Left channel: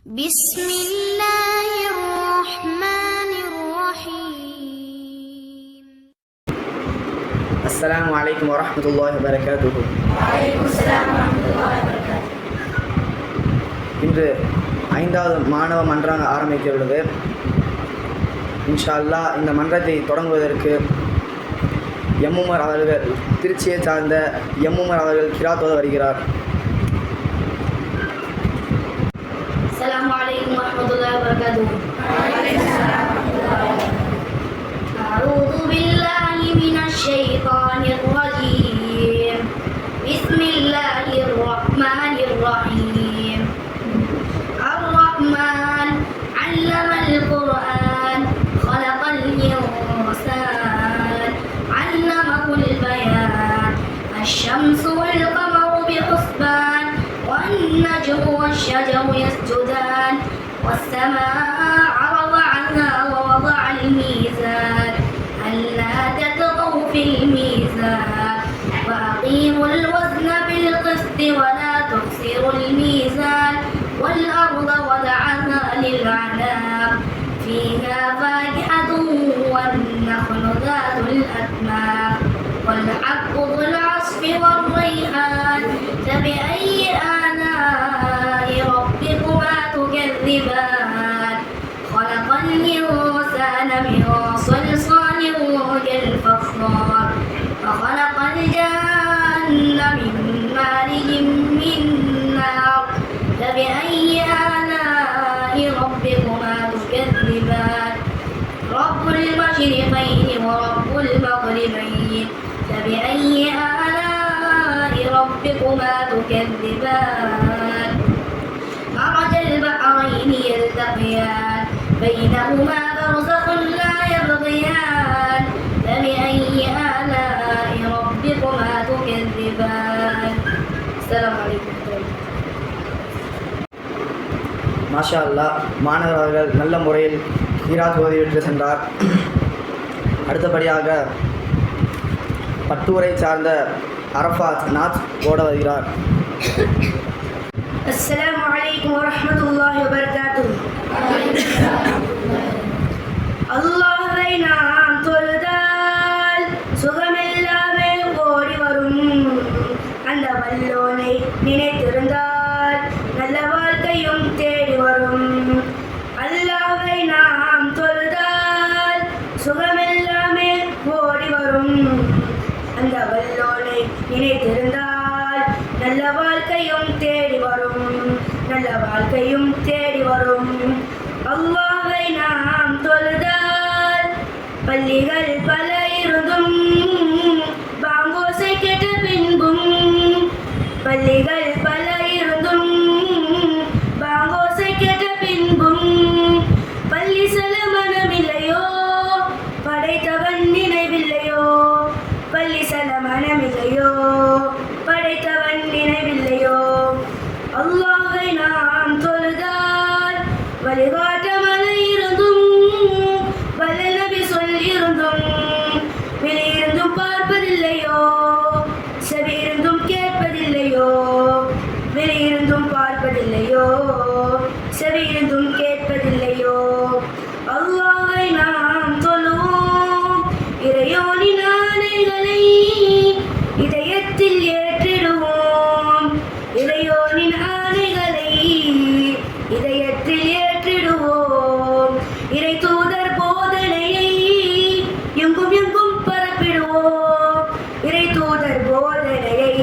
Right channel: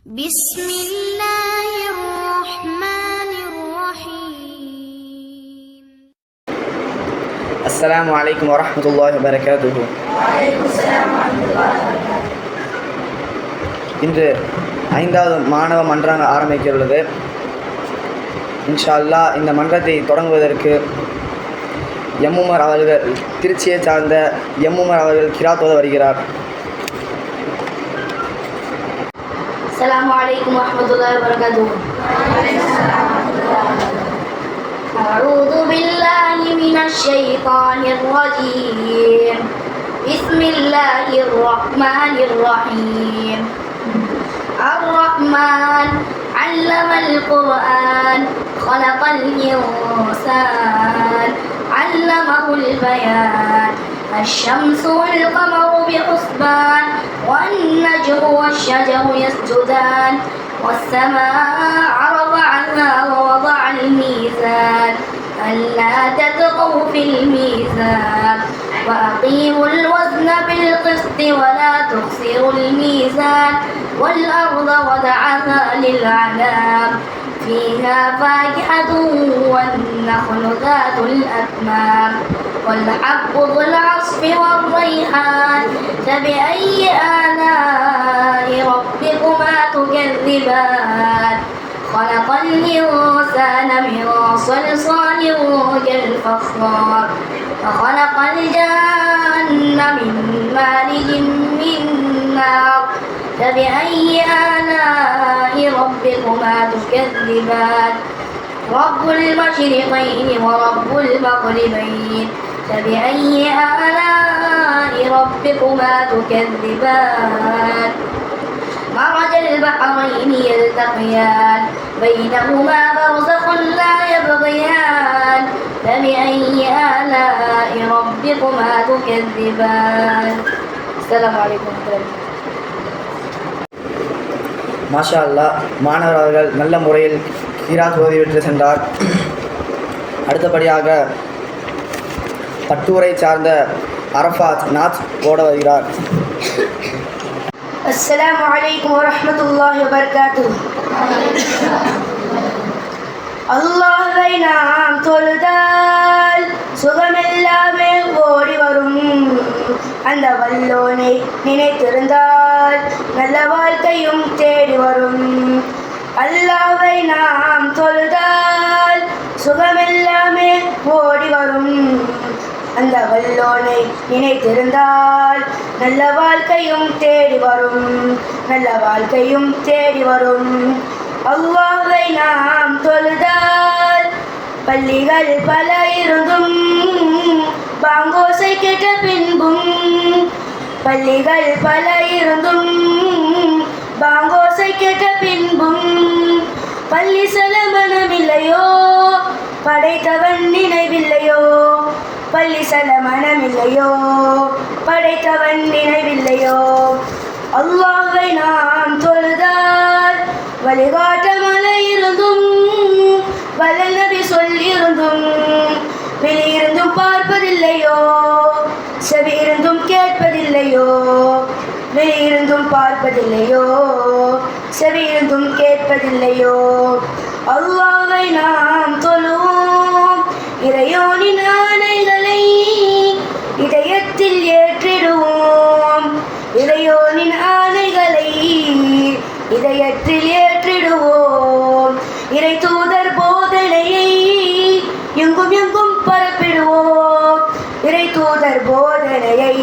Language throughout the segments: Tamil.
بسم الله الرحمن الرحيم. السلام عليكم ورحمة الله وبركاته. وعليكم السلام ورحمة الله وبركاته. இன்று 5வது மாணவ மன்றம் ஆரம்பிக்க உள்ளது. இன்ஷா அல்லாஹ் இந்த மன்றத்தை தொடங்குவதற்கு எம்முமர் அவர்கள், திருச்சியை சார்ந்த எம்முமர் அவர்கள் கிராத் ஓத வருகிறார். السلام عليكم ورحمة الله وبركاته. أعوذ بالله من الشيطان الرجيم. بسم الله الرحمن الرحيم. الرحمن علم القرآن خلق الإنسان علمه البيان الشمس والقمر بحسبان والنجم والشجر يسجدان والسماء رفعها ووضع الميزان ألا تطغوا في الميزان وأقيموا الوزن بالقسط ولا تخسروا الميزان والأرض وضعها للأنام فيها فاكهة والنخل ذات الأكمام والحب ذو العصف والريحان فبأي آلاء ربكما تكذبان خلق الإنسان من صلصال كالفخار وخلق الجن من مارج من نار فبأي آلاء ربكما تكذبان رب المشرقين ورب المغربين فبأي آلاء ربكما تكذبان مرج البحرين يلتقيان بينهما برزخ لا يبغيان فبأي آلاء ربكما تكذبان السلام عليكم ورحمة الله. மாஷா அல்லாஹ், மாணவர் அவர்கள் நல்ல முறையில் கிராத் ஓதிவிட்டு சென்றார். அடுத்தபடியாக பட்டூரை சார்ந்த அரஃபாத் நாத் ஓட வருகிறார். السلام عليكم ورحمة الله وبركاته. அல்லாஹ்வை நாம் தொழுதால் சுகமெல்லாமே ஓடி வரும். அந்த வல்லோனை நினைத்திருந்தால் நல்ல வாழ்க்கையும் தேடி வரும். அல்லாஹ்வை நாம் தொழுதால் சுகமெல்லாமே ஓடி வரும். அந்த வல்லோனை நினைத்திருந்தால் நல்ல வாழ்க்கையும் தேடி வரும். நல்ல வாழ்க்கையும் தேடி வரும். அல்லாஹ்வை நாம் தொழுதால் பள்ளிகள் பல இருந்தும் பாங்கோசை கேட்ட பின்பும் பள்ளிகள் பல இருந்தும் பாங்கோசை கேட்ட பின்பும் பள்ளி செல்ல மனமில்லையோ படைத்தவன் நினைவில்லையோ பள்ளி செல்ல மனமில்லையோ படைத்தவன் நினைவில்லையோ அல்லாஹ்வை நாம் தொழுதால் வழிகாட்ட மலை இருந்தும் வல்ல நபி சொல்லியிருந்தும் வெளியிருந்தும் பார்ப்பதில்லையோ செவி இருந்தும் கேட்பதில்லையோ வெளியிருந்தும் பார்ப்பதில்லையோ செவி இருந்தும் கேட்பதில்லையோ அல்லாஹ்வை நாம் தொழுவோம். இறையோனின் ஆணைகளை இதயத்தில் ஏற்றிடுவோம். இறையோனின் ஆணைகளை இதயத்தில் ஏற்றிடுவோம். இறை தூதர் போதனையை எங்கும் எங்கும் பரப்பிடுவோம். இறை தூதர் போதனையை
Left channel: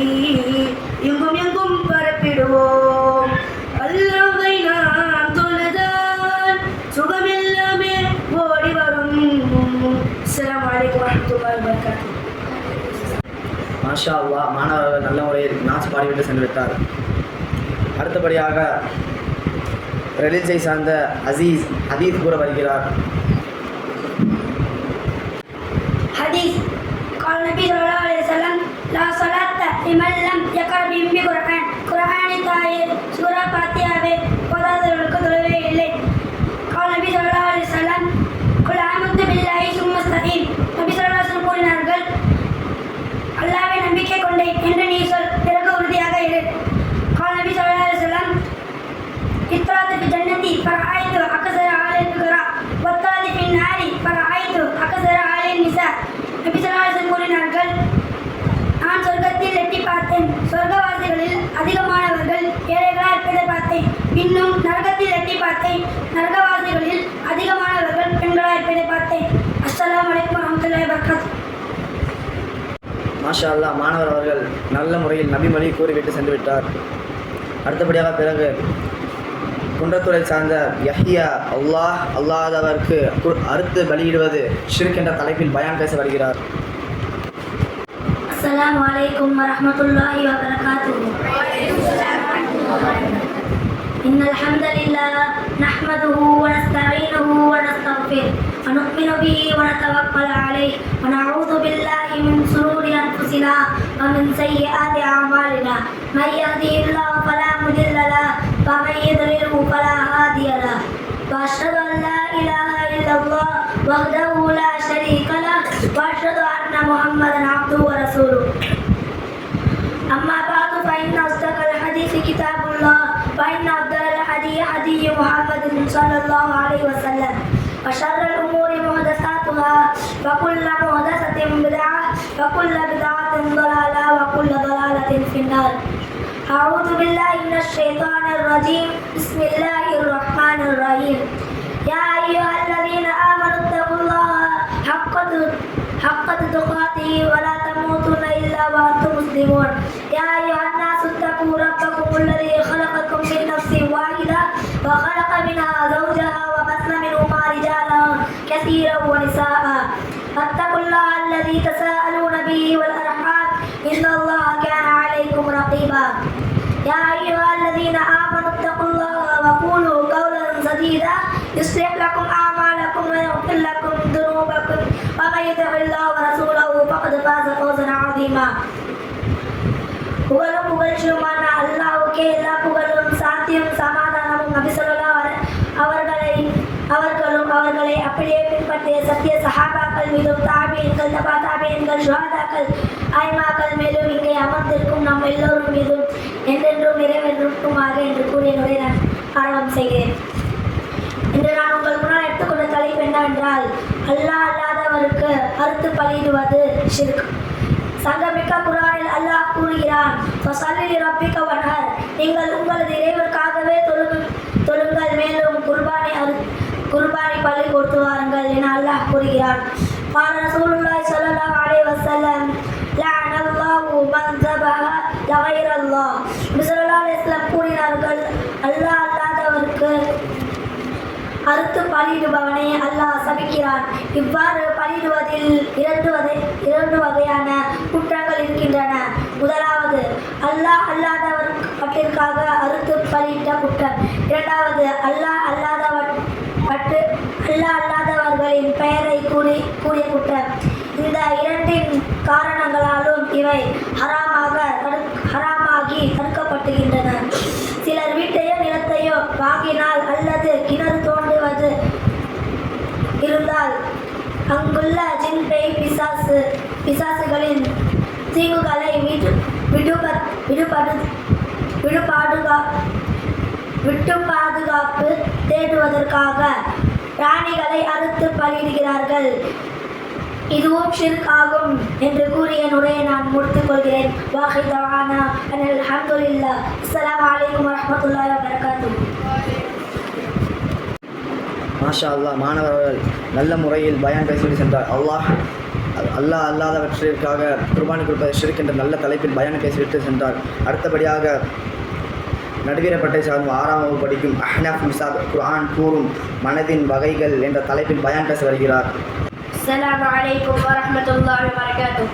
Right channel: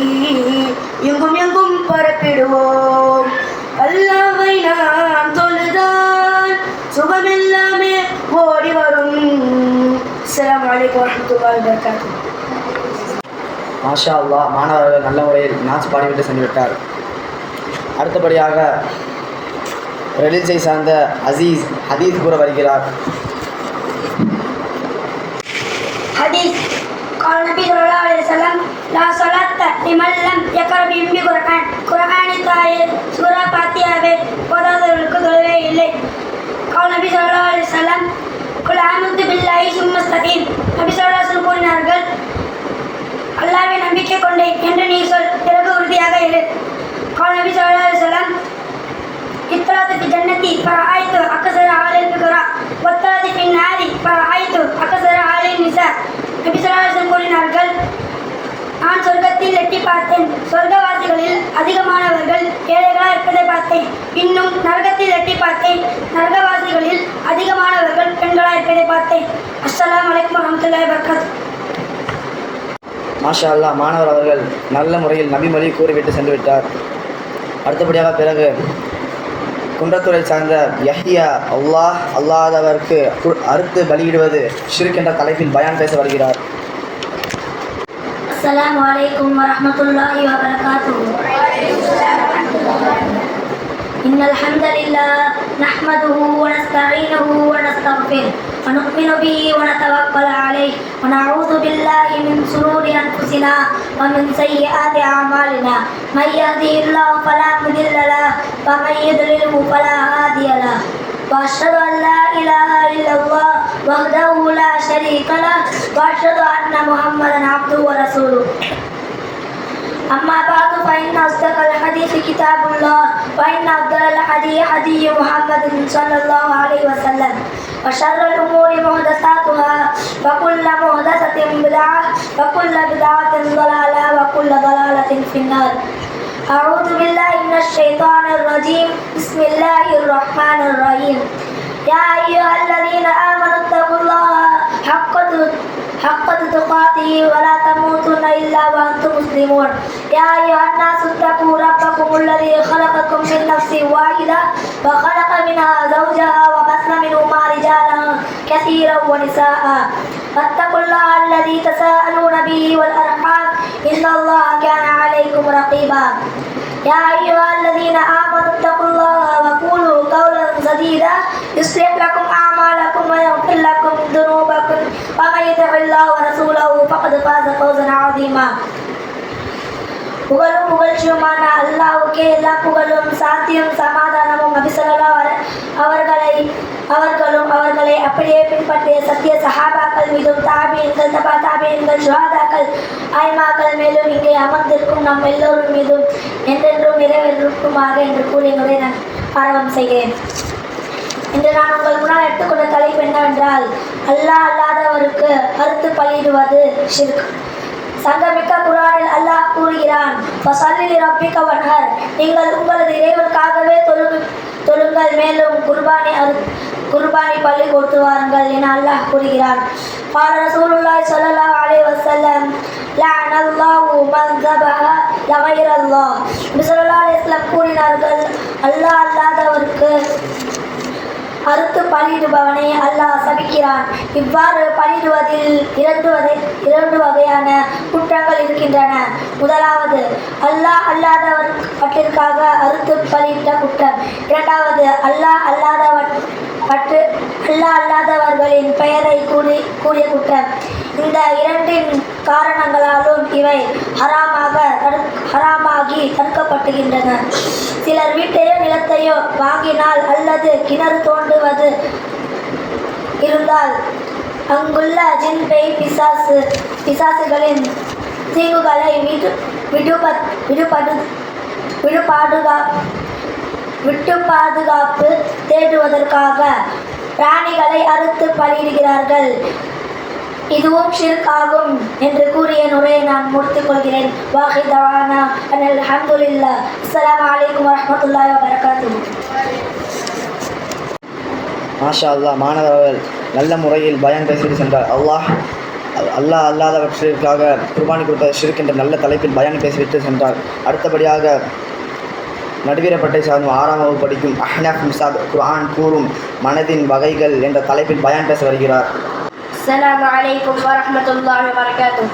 எங்கும் எங்கும் பரப்பிடுவோம். அல்லாஹ்வை நாம் தொழுதால் சுகமெல்லாமே ஓடி வரும். அஸ்ஸலாமு அலைக்கும் வரஹ்மத்துல்லாஹி வபரகாத்துஹு. மாஷா அல்லாஹ், மாணவர்கள் நல்ல முறையில் நாச் பாடிவிட்டு சென்று விட்டார். அடுத்தபடியாக ரெலிஜை சார்ந்த அசீஸ் ஹதீஸ் கூற வருகிறார். ஹதீஸ் قال النبي صلى الله عليه وسلم لا صلاة لمن لم يقرأ بأم القرآن குர்ஆனின் தாயில் சூரா ஃபாத்திஹாவை ஓதாதவர்களுக்கு தொழுகை இல்லை. قال النبي صلى الله عليه وسلم قل آمنت بالله ثم استقيم. நபி ஸல்லல்லாஹு அலைஹி வஸல்லம் கூறினார்கள், அல்லாஹ்வை நம்பிக்கை கொண்டேன் என்று நீ சொல், பிறகு உறுதியாக இரு. قال النبي صلى الله عليه وسلم اطلعت في جنة فرأيت أكثر أهل الفقراء والطلب في النار فرأيت أكثر أهل النساء. நபி ஸல்லல்லாஹு அலைஹி வஸல்லம் கூறினார்கள், நான் சொர்க்கத்தில் எட்டி பார்த்தேன், சொர்க்கவாசிகளில் அதிகமானவர்கள் ஏழைகளாக இருப்பதை பார்த்தேன். இன்னும் நரகத்தில் எட்டி பார்த்தேன், நரகவாசிகளில் அதிகமானவர்கள் பெண்களாக இருப்பதை பார்த்தேன். அஸ்ஸலாமு அலைக்கும் வரஹ்மத்துல்லாஹி வபரகாத்துஹு. மாஷா அல்லாஹ், மாணவர் அவர்கள் நல்ல முறையில் நபிமொழி கூறிவிட்டு சென்று விட்டார். அடுத்தபடியாக பிறகு குன்றத்துறை சார்ந்த யஹ்யா அல்லாஹ் அல்லாதவருக்கு அறுத்து பலியிடுவது ஷிர்க் என்ற தலைப்பில் பயான் பேச வருகிறார். அஸ்ஸலாமு அலைக்கும் வரஹ்மத்துல்லாஹி வபரகாத்துஹு. இன்னல் ஹம்தலில்லாஹ் நஹ்மதுஹு வ நஸ்தஈனுஹு வ நஸ்தக்ஃபிருஹு வ நு'மினு பிஹி வ நதவக்கலு அலைஹி வ நஊது பில்லாஹி மின் ஷுரூரி அன்ஃபுஸினா வ மின் ஸய்யிஆத்தி அஅமாலினா மை யஹ்திஹில்லாஹு ஃபலா முதில்ல லஹு வ மை யுضللஹு ஃபலா ஹாதிய லஹு வ அஷ்ஹது அன் லா இலாஹா இல்லல்லாஹ் வஹ்தஹு லா ஷரீக லஹு வ அஷ்ஹது அன்ன முஹம்மதன் அப்துஹு வ ரசூலுஹு. أما بعد فإن أصدق الحديث كتاب الله وإن أفضل الهدي هدي محمد صلى الله عليه وسلم وشر الأمور محدثاتها وكل محدثة بدعة وكل بدعة ضلالة وكل ضلالة في النار. أعوذ بالله من الشيطان الرجيم. بسم الله الرحمن الرحيم. يا أيها الذين آمنوا اتقوا الله حق تقاته ولا تموتن إلا وأنتم مسلمون. يا أيها الناس اتقوا ربكم الذي خلقكم من نفس واحدة وخلق منها زوجها وبث منهما رجالا كثيرا ونساء واتقوا الله الذي تساءلون به والأرحام إن الله كان عليكم رقيبا. يا أيها الذين آمنوا اتقوا الله وقولوا قولا سديدا يصلح لكم أعمالكم ويغفر لكم ذنوبكم ومن يطع الله ورسوله فقد فاز فوزا عظيما. புகழும் புகழ்ச்சியுமான அல்லாஹ்வுக்கே எல்லா புகழும் சாந்தியும் சமாதானமும் நபி ஸல்லல்லாஹு அவர்களும் அவர்களை அப்படியே பின்பற்றிய சத்திய சஹாபாக்கள் மீதும் தாபீன்கள் தபா தாபீன்கள் ஷுஹதாக்கள் ஐமாக்கள் மேலும் இங்கே அமர்ந்திருக்கும் நம் எல்லோரும் மீதும் என்றென்றும் நிறைவேற்றுமாக என்று கூறிய நுரை நான் ஆரம்பம் செய்கிறேன். இன்று நான் உங்கள் முன்னால் எடுத்துக்கொண்ட தலைப்பு என்னவென்றால், அல்லாஹ் அல்லாதவருக்கு அறுத்து பலியிடுவது ஷிர்க். சங்கமிக்க குர்ஆனில் அல்லாஹ் கூறுகிறான், ஃபஸல்லி லிரப்பிக வன்ஹர், நீங்கள் உங்களது இறைவனுக்காகவே தொழுங்கள், மேலும் குர்பானி பலி கொடுத்து வாருங்கள் என அல்லாஹ் கூறுகிறான். قال رسول الله صلى الله عليه وسلم لعن الله من ذبح لغير الله. நபி ஸல்லல்லாஹு அலைஹி வஸல்லம் கூறினார்கள், அல்லாஹ் அல்லாதவருக்கு அறுத்து பலியிடுபவனை அல்லாஹ் சபிக்கிறான். இவ்வாறு பலியிடுவதில் இரண்டு வகையான குற்றங்கள் இருக்கின்றன. முதலாவது, அல்லாஹ் அல்லாதவற்றிற்காக அறுத்து பலியிட்ட குற்றம். இரண்டாவது, அல்லாஹ் அல்லாதவர்களின் பெயரை கூறிய குற்றம். இந்த இரண்டின் காரணங்களாலும் இவை ஹராமாகி தடுக்கப்படுகின்றன. சிலர் வீட்டையோ நிலத்தையோ வாங்கினால் அல்லது கிணறு தோண்டுவது இருந்தால் அங்குள்ள ஜின் பேய் பிசாசுகளின் தீங்குகளை விட்டு பாதுகாப்பு தேடுவதற்காக பிராணிகளை அறுத்து பலியிடுகிறார்கள். இதுவும் ஷிர்க் ஆகும் என்று கூறிய நுரையை நான் முடித்துக் கொள்கிறேன். வாஹி தவானா அல்ஹம்துலில்லாஹ். அஸ்ஸலாமு அலைக்கும் வரஹ்மத்துல்லாஹி வபரகாத்துஹு. மாஷா அல்லாஹ், மாணவர்கள் நல்ல முறையில் பயான் பேசிட்டு சென்றார். அல்லாஹ் அல்லாதவற்றிற்காக குர்பானி கொடுப்பது ஷிர்க் என்ற நல்ல தலைப்பில் பயான் பேசிவிட்டு சென்றார். அடுத்தபடியாக நடுவீரப்பட்டை சார்ந்த 6ஆம் வகுப்பு படிக்கும் அஹ்னஃப் மிசாப் குர்ஆன் கூறும் மனதின் வகைகள் என்ற தலைப்பில் பயான் பேச வருகிறார். السلام عليكم ورحمة الله وبركاته.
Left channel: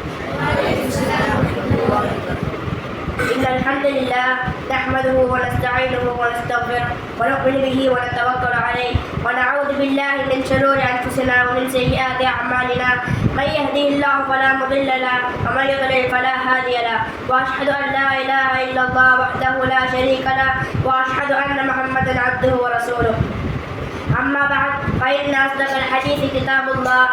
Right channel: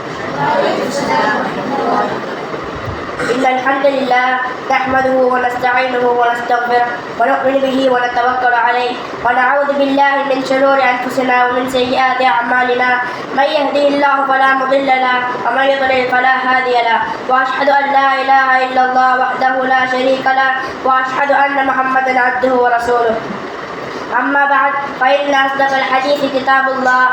إن الحمد لله نحمده ونستعينه ونستغفره ونؤمن به ونتوكل عليه ونعوذ بالله من شرور أنفسنا ومن سيئات أعمالنا من يهده الله فلا مضل له ومن يضلل فلا هادي له وأشهد أن لا إله إلا الله وحده لا شريك له وأشهد أن محمدا عبده ورسوله. أما بعد فإن أصدق الحديث كتاب الله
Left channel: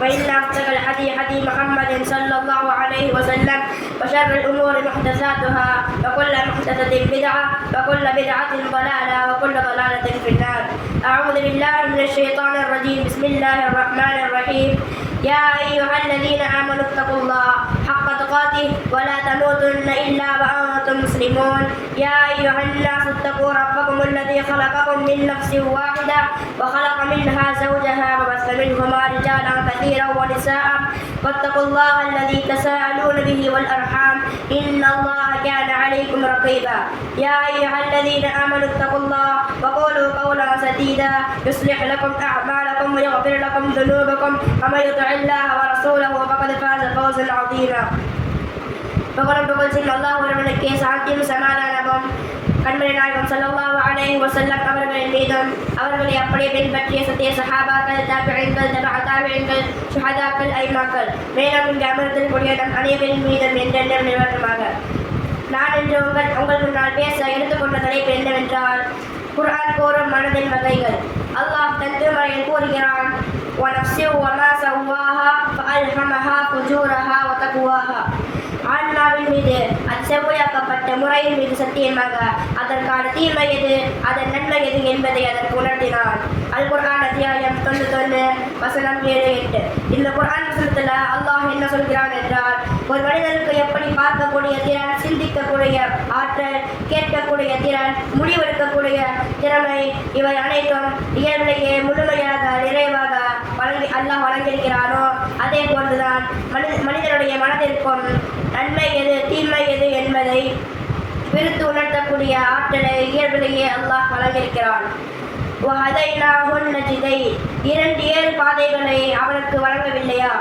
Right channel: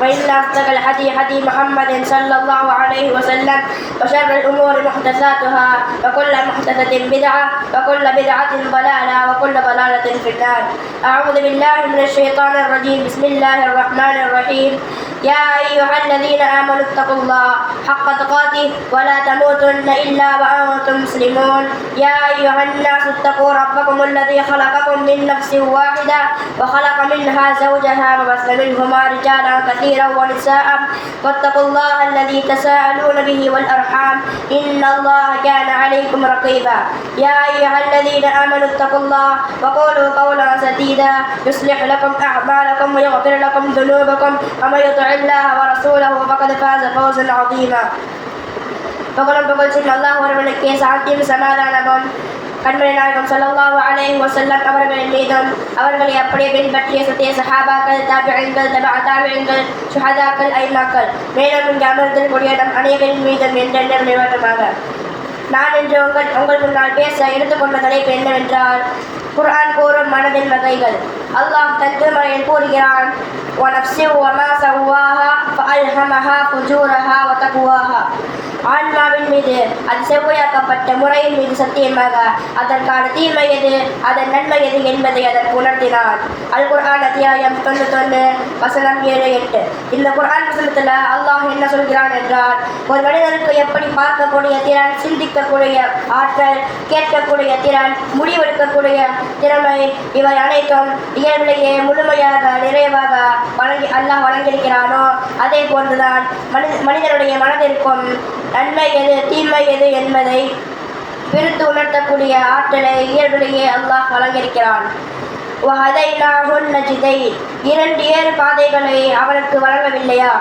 وإن أصدق الحديث حديث محمد صلى الله عليه وسلم وشر الأمور محدثاتها وكل محدثة بدعة وكل بدعة ضلالة وكل ضلالة في النار. أعوذ بالله من الشيطان الرجيم. بسم الله الرحمن الرحيم. يا أيها الذين آمنوا اتقوا الله حق تقاته ولا تموتن إلا وأنتم مسلمون. يا أيها الناس اتقوا ربكم الذي خلقكم من نفس واحدة وخلق منها زوجها وبث منهما رجالا كثيرا ونساء واتقوا الله الذي تساءلون به والأرحام إن الله كان عليكم رقيبا. يا أيها الذين آمنوا اتقوا الله وقولوا قولا سديدا يصلح لكم أعمالكم ويغفر لكم ذنوبكم ومن يطع الله ورسوله فقد فاز فوزا عظيما. புகழும் புகழ்ச்சியும் அல்லாஹ் ஒருவனுக்கே சாந்தியும் சமாதானமும் கண்மணி நாயகம் ஸல்லல்லாஹு அலைஹி வஸல்லம் அவர்களின் மீதும் அவர்களை அப்படியே பின்பற்றிய சத்திய சஹாபாக்கள், தாபிஈன்கள், தபஅ தாபிஈன்கள், ஷுஹதாக்கள், ஐமாக்கள், மேலும் இங்கு அமர்ந்திருக்கக்கூடிய நம் அனைவரின் மீதும் என்றென்றும் நிலவட்டுமாக. நான் இன்று உங்கள் முன்னால் பேச எடுத்துக்கொண்ட தலைப்பு என்னவென்றால் குர்ஆன் கூறும் மனதின் வகைகள். அல்லாஹ் தன் திருமறையில் கூறுகிறான், وَنَفْسٍ وَمَا سَوَّاهَا فَأَلْهَمَهَا فُجُورَهَا وَتَقْوَاهَا. ஆன்மாவின் மீது அது செவ்வையாக்கப்பட்ட முறையின் மீது சத்தியமாக அதற்கான தீமை எது அதன் நன்மை எது என்பதை அதற்கு உணர்த்தினான். அல் குர்ஆன் அத்தியாயம் 91 வசனம் 7-8. இந்த குர்ஆன் வசனத்தில் அல்லாஹ் என்ன சொல்கிறான் என்றால், ஒரு மனிதனுக்கு எப்படி பார்க்கக்கூடிய திறன், சிந்திக்கக்கூடிய ஆற்றல், கேட்கக்கூடிய திறன், முடிவெடுக்கக்கூடிய திறமை, இவை அனைத்தும் இயல்பிலேயே முழுமையாக நிறைவாக அல்லாஹ் வழங்கியிருக்கிறானோ அதே போன்றுதான் மனிதனுடைய மனதிற்கும் நன்மை எது தீமை எது என்பதை பிரித்து உணர்த்தக்கூடிய ஆற்றலை இயல்பிலேயே அல்லாஹ் வழங்கியிருக்கிறான். இரண்டு ஏழு பாதைகளை அவனுக்கு வழங்கவில்லையா?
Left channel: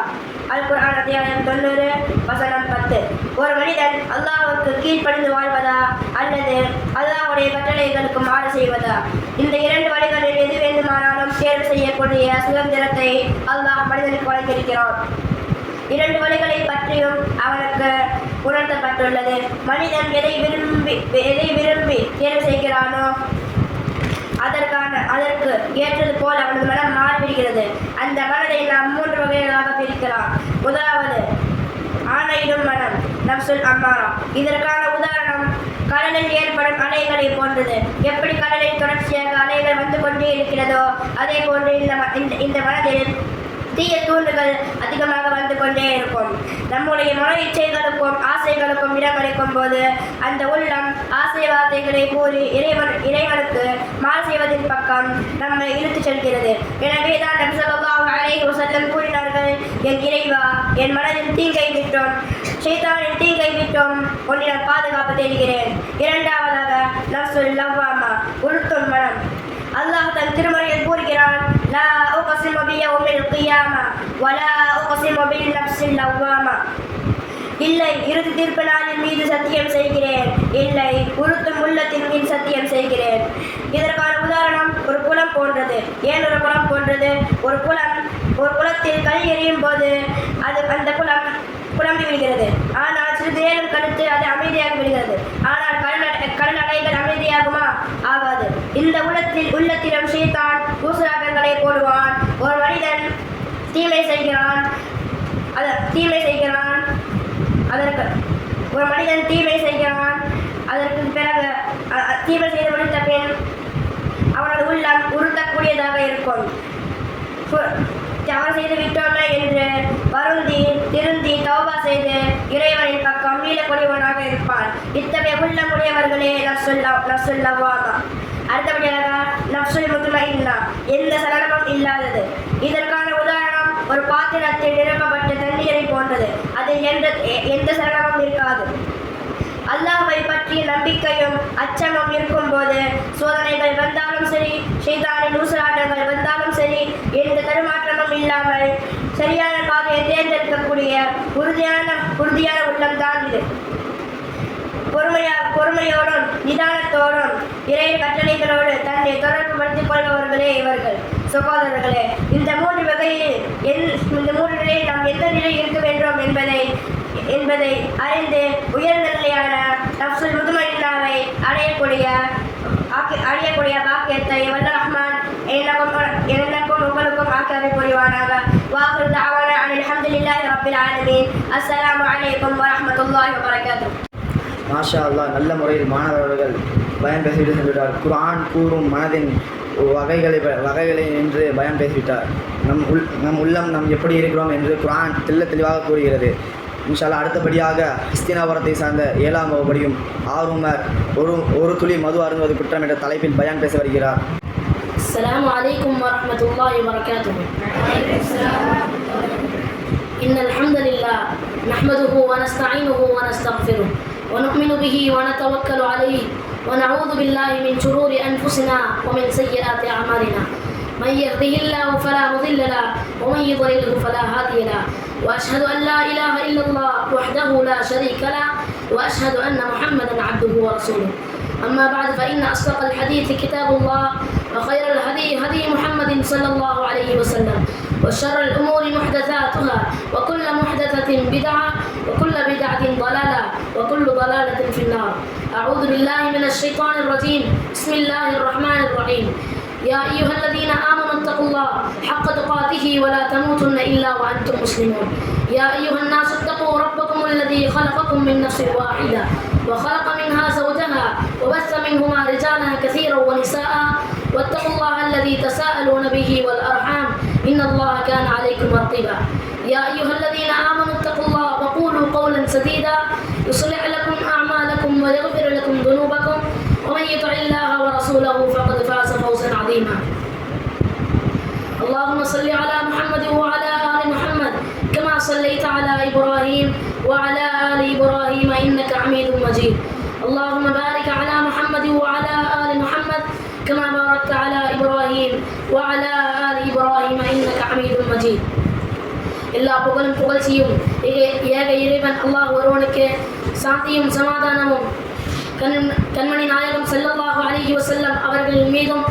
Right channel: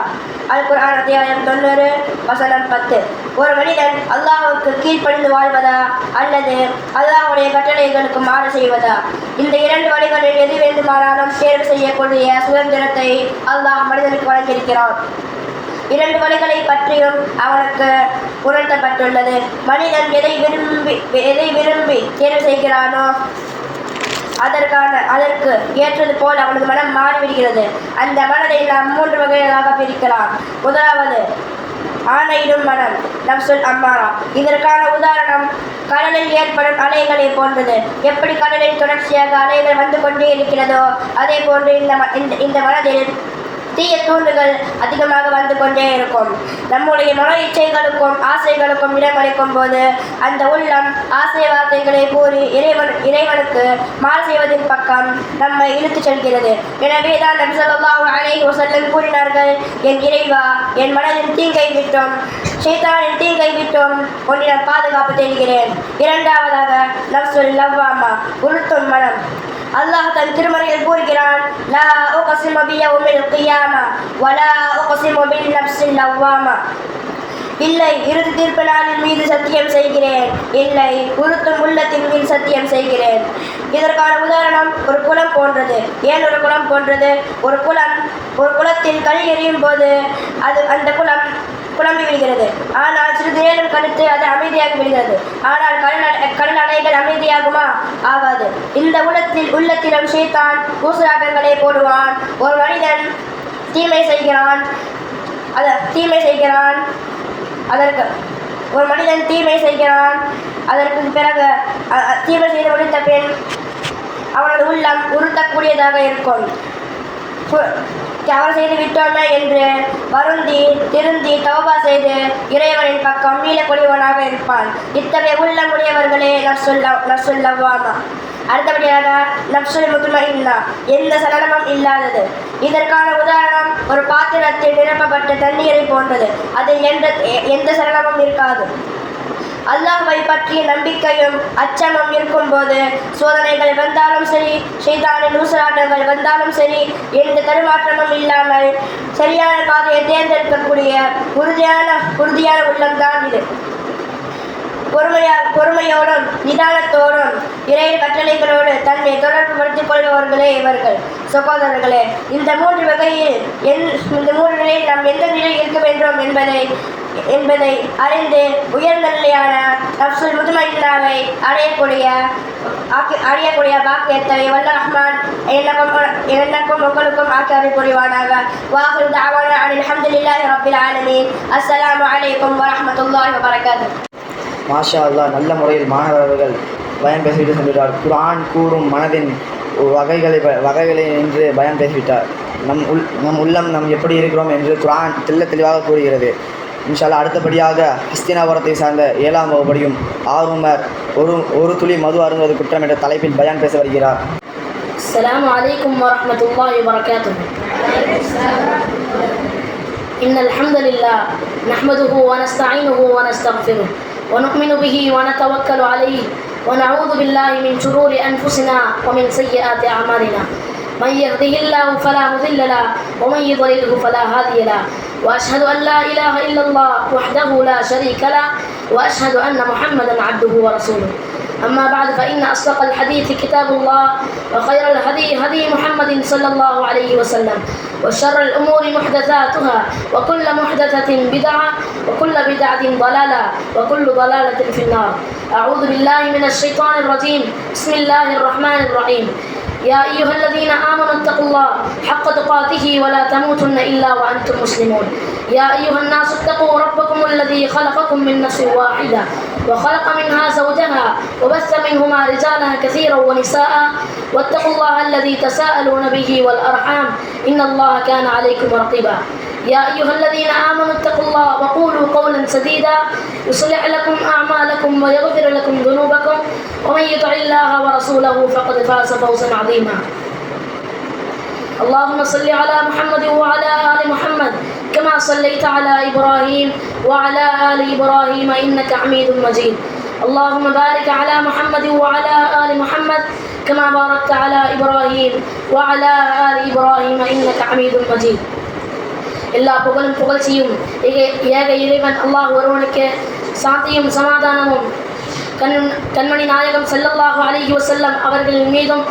அல் குர்ஆன் அத்தியாயம் 90 வசனம் 10. ஒரு மனிதன் அல்லாஹ்வுக்கு கீழ்ப்படிந்து வாழ்வதா அல்லது அல்லாஹ்வுடைய கட்டளைகளுக்கு மாறு செய்வதா? இந்த இரண்டு வழிகளில் எது வேண்டுமானாலும் தேர்வு செய்யக்கூடிய சுதந்திரத்தை அல்லாஹ் மனிதனுக்கு வழங்கியிருக்கிறான். இரண்டு வழிகளை பற்றியும் அவனுக்கு உணர்த்தப்பட்டுள்ளது. மனிதன் எதை விரும்பி தேர்வு செய்கிறானோ அதற்கு ஏற்றது போல் அவனது மனம் மாறிவிடுகிறது. அந்த மனதை நாம் 3 வகைகளாக பிரிக்கலாம். முதலாவது ஆணையிடும் மனம், நஃப்சுல் அம்மாரா. இதற்கான உதாரணம் கடலில் ஏற்படும் அலைகளை போன்றது. எப்படி கடலில் தொடர்ச்சியாக அலைகள் வந்து கொண்டே இருக்கிறதோ அதே போன்று இந்த மனதில் தீய தூண்டுகள் அதிகமாக வந்து கொண்டே இருக்கும். நம்முடைய மன இச்சைகளுக்கும் ஆசைகளுக்கும் இடமளிக்கும் போது அந்த உள்ளம் ஆசை வார்த்தைகளை கூறி இறைவனுக்கு மாறு செய்வதன் பக்கம் நம்மை இழுத்துச் செல்கிறது. எனவே தான் நபி ஸல்லல்லாஹு அலைஹி வஸல்லம் கூறினார்கள், என் இறைவா, என் மனதின் தீங்கை விட்டும் ஷைத்தானின் தீங்கை விட்டும் உன்னிடம் பாதுகாப்பு தேடுகிறேன். இரண்டாவதாக நஃப்சுல் லவ்வாமா, உறுத்தும் மனம். அல்லாஹ் தன் திருமறையில் கூறுகிறான், லா உக்ஸிமு பியௌமில் கியாமா வலா உக்ஸிமு பின் நஃப்ஸில் லவ்வாமா. இல்லை, இறுதி தீர்ப்பு நாளின் மீது சத்தியம் செய்கிறேன், இல்லை, உறுத்தும் உள்ளத்தின் மீது சத்தியம் செய்கிறேன். இதற்கான உதாரணம் ஒரு குளம் போன்றது. ஏன் ஒரு குளம் போன்றது? ஒரு குளத்தில் கல் எறியும் போது அந்த குளம் குழம்பி விடுகிறது. ஆனால் சிறிது நேரம் கழித்து அது அமைதியாகி விடுகிறது. ஆனால் கடல் அலைகள் அமைதியாகுமா? ஆகாது. இந்த உள்ளத்திலும் ஷைத்தான் ஊசலாட்டங்களை போடுவான். ஒரு மனிதன் தீமை செய்கிறான், அதற்கு பிறகு தீமை செய்து முடித்த பின் அவனது உள்ளம் உறுத்தக்கூடியதாக இருக்கும். தவறு செய்து விட்டோமே என்று வருந்தி திருந்தி தௌபா செய்து இறைவனின் பக்கம் மீளக்கூடியவனாக இருப்பான். இத்தகைய உள்ளமுடையவர்களே நஃப்சுல் லவ்வாமா. அடுத்தபடியாக நஃப்சுல் முத்மஇன்னா, எந்த சலனமும் இல்லாதது. இதற்கான உதாரணம் ஒரு பாத்திரத்தில் நிரப்பப்பட்ட தண்ணீரை போன்றது. அதில் எந்த சலனமும் இருக்காது. அல்லாஹ்வை பற்றிய நம்பிக்கையும் அச்சமும் இருக்கும்போது சோதனைகள் வந்தாலும் சரி, ஷைத்தானின் ஊசலாட்டங்கள் வந்தாலும் சரி, எந்த தடுமாற்றமும் இல்லாமல் சரியான பாதையை தேர்ந்தெடுக்கக்கூடிய உறுதியான உள்ளம்தான் இது. பொறுமையோடும் நிதானத்தோடும் இறை கட்டளைகளோடு தன்னை தொடர்பு படுத்திக் கொள்பவர்களே இவர்கள். சகோதரர்களே, இந்த மூன்று நிலையில் நாம் எந்த நிலையில் இருக்க வேண்டும் என்பதை அறிந்து உயர்ந்த நிலையான நஃப்சுல் முத்மஇன்னாவை அடையக்கூடிய அழியக்கூடிய பாக்கியத்தை வல்ல ரஹ்மான் எனக்கும் உங்களுக்கும் ஆக்கி புரிவானாக. வாஹிரு தஅவானா அல்ஹம்துலில்லாஹி ரப்பில் ஆலமீன். அஸ்ஸலாமு அலைக்கும் வரஹ்மத்துல்லாஹி வபரகாத்துஹு. மாஷா அல்லாஹ், நல்ல முறையில் மாணவர்கள் பயம் பேசிவிட்டு சென்றுவிட்டார். குர்ஆன் கூறும் மனதின் வகைகளை என்று பயம் பேசிவிட்டார். நம் உள்ளம் நாம் எப்படி இருக்கிறோம் என்று குர்ஆன் தெளிவாக கூறுகிறது. இன்ஷா அல்லாஹ் அடுத்தபடியாக ஹஸ்தினாபுரத்தை சார்ந்த 7ஆம் வகுப்படியும் ஆர்வமர் ஒரு துளி மது அருந்துவது குற்றம் என்ற தலைப்பில் பயான் பேச வருகிறார். السلام عليكم ورحمة الله وبركاته. إن الحمد لله نحمده ونستعينه ونستغفره ونؤمن به ونتوكل عليه ونعوذ بالله من شرور أنفسنا ومن سيئات أعمالنا. من يهده الله فلا مضل له ومن يضلله فلا هادي له. وأشهد أن لا إله إلا الله وحده لا شريك له وأشهد أن محمدا عبده ورسوله. أما بعد فإن أصدق الحديث كتاب الله وخير الهدي هدي محمد صلى الله عليه وسلم وشر الأمور محدثاتها وكل محدثة بدعة وكل بدعة ضلالة وكل ضلالة في النار. أعوذ بالله من الشيطان الرجيم. بسم الله الرحمن الرحيم. يا أيها الذين آمنوا اتقوا الله حق تقاته ولا تموتن إلا وأنتم مسلمون. يا أيها الناس اتقوا ربكم الذي خلقكم من نفس واحدة وخلق منها زوجها وبث منهما رجالا كثيرا ونساء واتقوا الله الذي تساءلون به والأرحام إن الله كان عليكم رقيبا. يا أيها الذين آمنوا اتقوا الله وقولوا قولا سديدا يصلح لكم أعمالكم ويغفر لكم ذنوبكم ومن يطع الله ورسوله فقد فاز فوزا عظيما. اللهم صل على محمد وعلى آل محمد كما صليت على إبراهيم وعلى آل إبراهيم إنك حميد مجيد. اللهم بارك على محمد وعلى آل محمد كما باركت على إبراهيم وعلى آل إبراهيم إنك حميد مجيد. எல்லா புகழும் புகழ்ச்சியும் ஏக இறைவன் அல்லாஹ் ஒருவனுக்கு சாந்தியும் சமாதானமும் கண்மணி நாயகம் ஸல்லல்லாஹு அலைஹி வஸல்லம் அவர்களின் மீதும்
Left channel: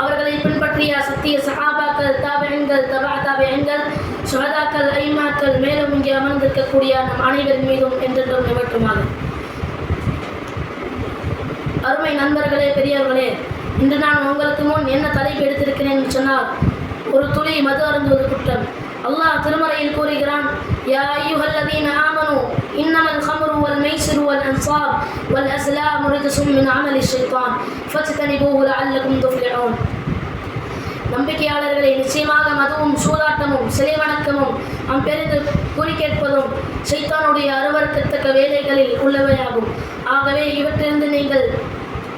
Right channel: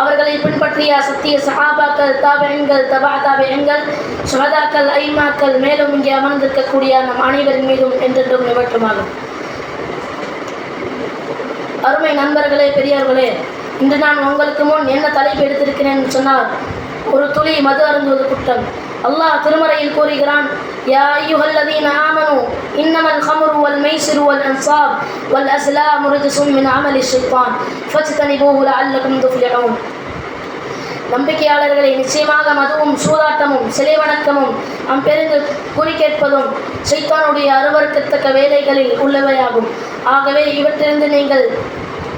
அவர்களை பின்பற்றிய சத்திய சஹாபாக்கள் தாபிஈன்கள் தபா தாபிஈன்கள் ஷுஹதாக்கள் ஐமாக்கள் மேலும் இங்கே அமர்ந்திருக்கக்கூடிய நம் அனைவரின் மீதும் என்றென்றும் நிவற்றுமாக. அருமை நண்பர்களே, பெரியவர்களே, இன்று நான் உங்களுக்கு முன் என்ன தலைப்பு எடுத்திருக்கிறேன் சொன்னால், ஒரு துளி மது அருந்துவது குற்றம். அல்லாஹ் திருமறையில் கூறுகிறான், யா அய்யுஹல்லதீன ஆமனு இன்னமல் ஹம்ரு வல் மைசிரு வல் அன்சாப் வல் அஸ்லாமு ரிஜ்சும் மின் அமலி ஷைத்தான் ஃபஜ்தனிபூஹு லஅல்லகும் துஃப்லிஹூன். நம்பிக்கையாளர்களை, நிச்சயமாக மதுவும் சூதாட்டமும் சிலை வணக்கமும் பெரிது குறி கேட்பதும் ஷைத்தானுடைய அருவருக்கத்தக்க வேலைகளில் உள்ளவையாகும். ஆகவே இவற்றிலிருந்து நீங்கள்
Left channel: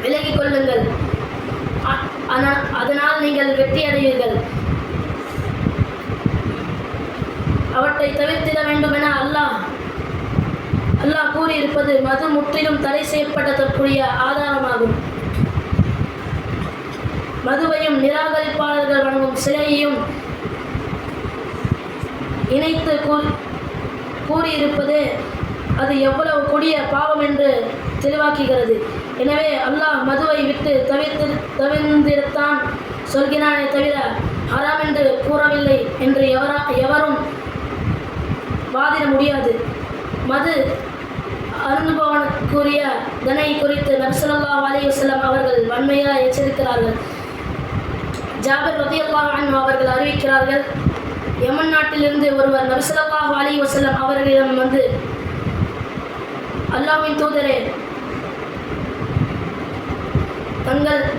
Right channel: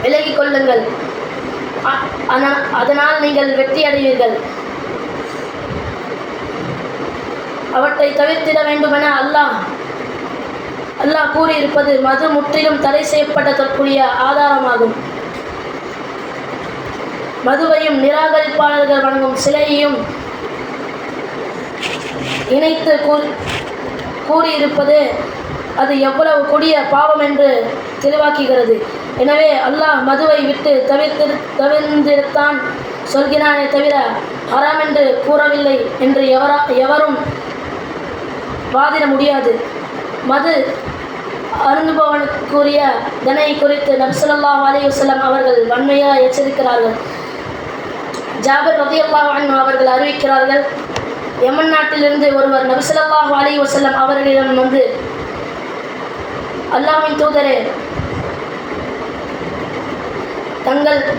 விலகிக் கொள்ளுங்கள், அதனால் நீங்கள் வெற்றி அடைவீர்கள். அவற்றை தவிர்த்திட வேண்டுமென அல்லாஹ் கூறியிருப்பது மது முற்றிலும் தடை செய்யப்பட்டதற்குரிய ஆதாரமாகும். மதுவையும் நிராகரிப்பாளர்கள் வணங்கும் சிலையையும் இணைத்து கூறியிருப்பது அது எவ்வளவு கொடிய பாவம் என்று தெளிவாக்குகிறது. எனவே அல்லாஹ் மதுவை விட்டு தவிர்த்திருத்தான் சொல்கிறானே தவிர ஹராம் என்று கூறவில்லை என்று எவரும் வாதிட முடியாது. மது அருந்துபவனுக்குரிய தண்டனை குறித்து நபி ஸல்லல்லாஹு அலைஹி வஸல்லம் அவர்கள் வன்மையாக எச்சரிக்கிறார்கள். ஜாபிர் ரலியல்லாஹு அன்ஹு அவர்கள் அறிவிக்கிறார்கள், யமன் நாட்டிலிருந்து ஒருவர் நபி ஸல்லல்லாஹு அலைஹி வஸல்லம் அவர்களிடம் வந்து, அல்லாஹ்வின் தூதரே,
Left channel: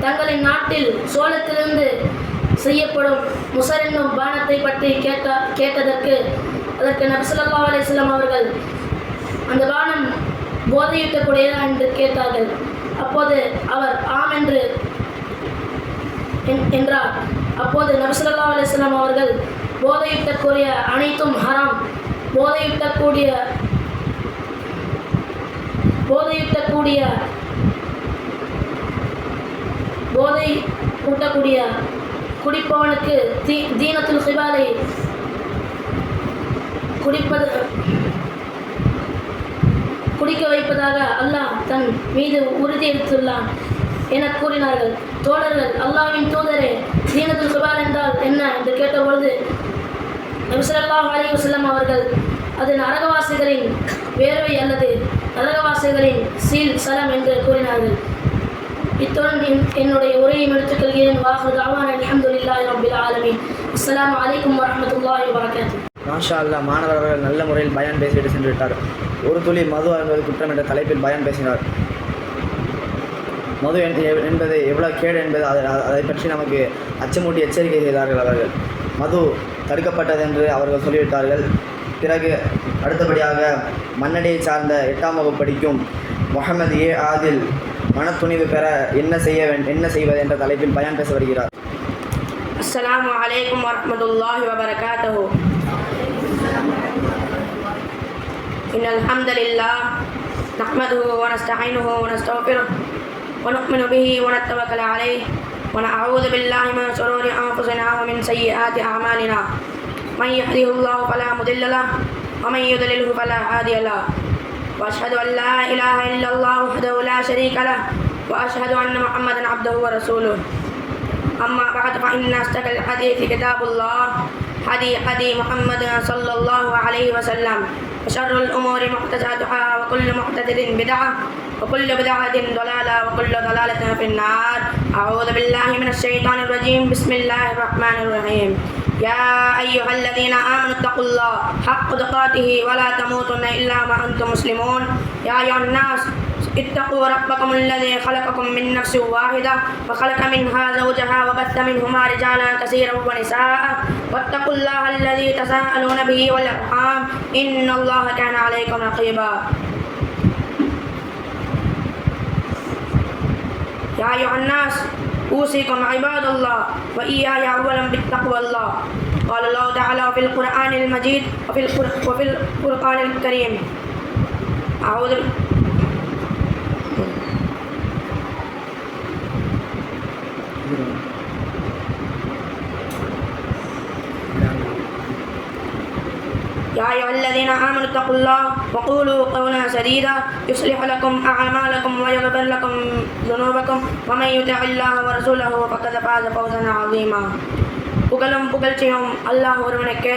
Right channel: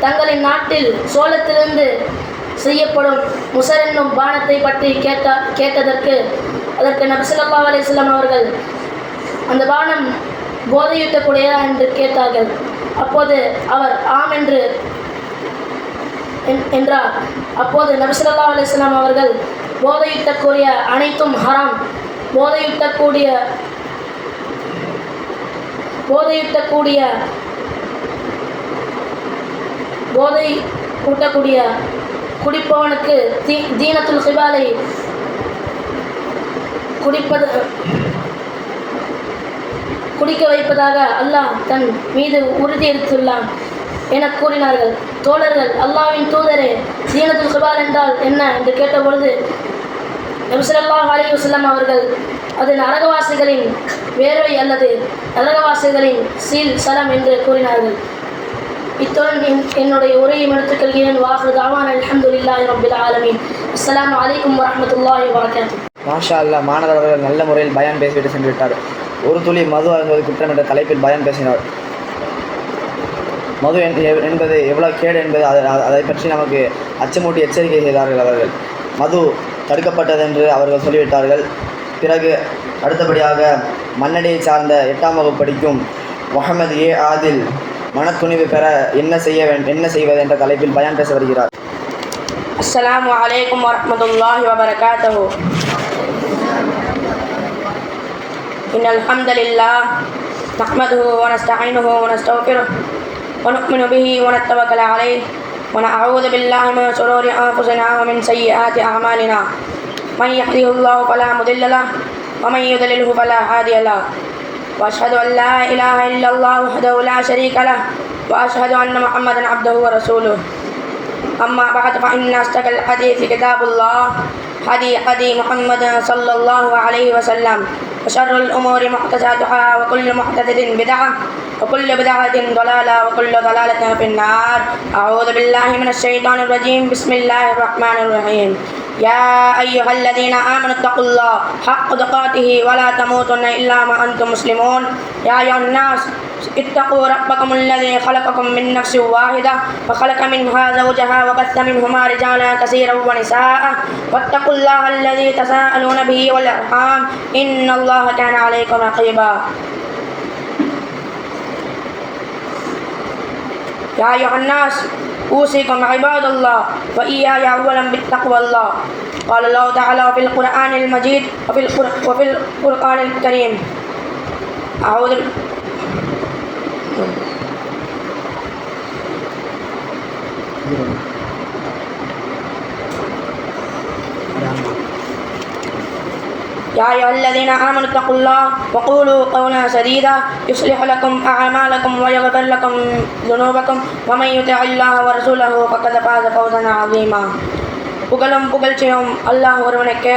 தங்களின் நாட்டில் சோளத்திலிருந்து செய்யப்படும் முசர் என்னும் பானத்தை பற்றி கேட்டதற்கு அதற்கு நபி ஸல்லல்லாஹு அலைஹி வஸல்லம் அவர்கள், அந்த பானம் போதையூட்டக்கூடியதா என்று கேட்டார்கள். அப்போது அவர் ஆம் என்றார். அப்போது நபி ஸல்லல்லாஹு அலைஹி வஸல்லம் அவர்கள், போதையூட்டக்கூடிய அனைத்தும் ஹராம், போதை ஊட்டக்கூடிய குடிப்பவனுக்கு தீனத்துல் ஹிபாலை குடிக்க வைப்பதாக அல்லாஹ் தன் மீது உறுதியளித்துள்ளான் என கூறினார்கள். தோழர்கள், அல்லாஹ்வின் தூதரே, தீனத்துல் ஹிபால் என்றால் என்ன என்று கேட்டபொழுது நபி ஸல்லல்லாஹு அலைஹி வஸல்லம் அவர்கள், அது நரகவாசிகளின் வேர்வை அல்லது நரகவாசிகளின் சீல் சலம் என்று கூறினார்கள். இத்துடன் என்னுடைய உரையை முடித்துக் கொள்கிறேன். வாஹிரு தஅவானா அல்ஹம்துலில்லாஹி ரப்பில் ஆலமீன். அஸ்ஸலாமு அலைக்கும் வரஹ்மத்துல்லாஹி வபரகாத்துஹு. மாஷா அல்லாஹ், மாணவர் அவர்கள் நல்ல முறையில் பயான் பேசிவிட்டு சென்று விட்டார். ஒரு துளி மது அருந்துவது குற்றம் என்ற தலைப்பில் பயான் பேசினார். மது என்பது எவ்வளோ கேடு என்பது அதை பற்றி நமக்கு அச்சமூட்டி எச்சரிக்கை செய்தார்கள் அவர்கள். மது தடுக்கப்பட்டது என்று அவர்கள் சொல்லிவிட்டார்கள். பிறகு அடுத்தபடியாக மன்னடியை சார்ந்த 8ஆம் வகுப்பு படிக்கும் முகமது ஏ ஆதில் மனத்துணிவு பெற என்ன செய்வது என்ற தலைப்பில் பயான் பேச வருகிறார். அஸ்ஸலாமு அலைக்கும் வரஹ்மத்துல்லாஹி வபரகாத்துஹு. இன்னல் ஹம்தலில்லாஹ் நஹ்மதுஹு வ நஸ்தஈனுஹு வ நஸ்தக்ஃபிருஹு வ நு'மினு பிஹி வ நத்தவக்கலு அலைஹி வ நஅஊது பில்லாஹி மின் ஷுரூரி அன்ஃபுஸினா வ மின் ஸய்யிஆத்தி அஅமாலினா. மன் யஹ்திஹில்லாஹு ஃபலா முதில்ல லஹு வ மன் யுضللஹு ஃபலா ஹாதிய லஹு. வ அஷ்ஹது அன் லா இலாஹா இல்லல்லாஹு வஹ்தஹு லா ஷரீக லஹு வ அஷ்ஹது அன்ன முஹம்மதன் அப்துஹு வ ரசூலுஹு. أما بعد فإن أصدق الحديث كتاب الله هدي محمد صلى الله عليه وسلم وشر الأمور محدثاتها وكل محدثة بدعة وكل بدعة ضلالة وكل ضلالة في النار. أعوذ بالله من الشيطان الرجيم. بسم الله الرحمن الرحيم. يا أيها الذين آمنوا اتقوا الله حق تقاته ولا تموتن إلا وأنتم مسلمون. يا أيها الناس اتقوا ربكم الذي خلقكم من نفس واحدة وخلق منها زوجها وبث منهما رجالا كثيرا ونساء واتقوا الله الذي تساءلون به والأرحام إن الله كان عليكم رقيبا. يا أيها الناس أوصيكم عباد الله وإياي أولا بالتقوى الله. قال الله تعالى في القرآن المجيد وفي القرآن الكريم. أعوذ يا أيها الذين آمنوا اتقوا الله وقولوا قولا سديدا يصلح لكم أعمالكم ويغفر لكم ذنوبكم ومن يطع الله ورسوله فقد فاز فوزا عظيما. புகழும் புகழ்ச்சியும் அல்லாஹ் ஒருவனுக்கு,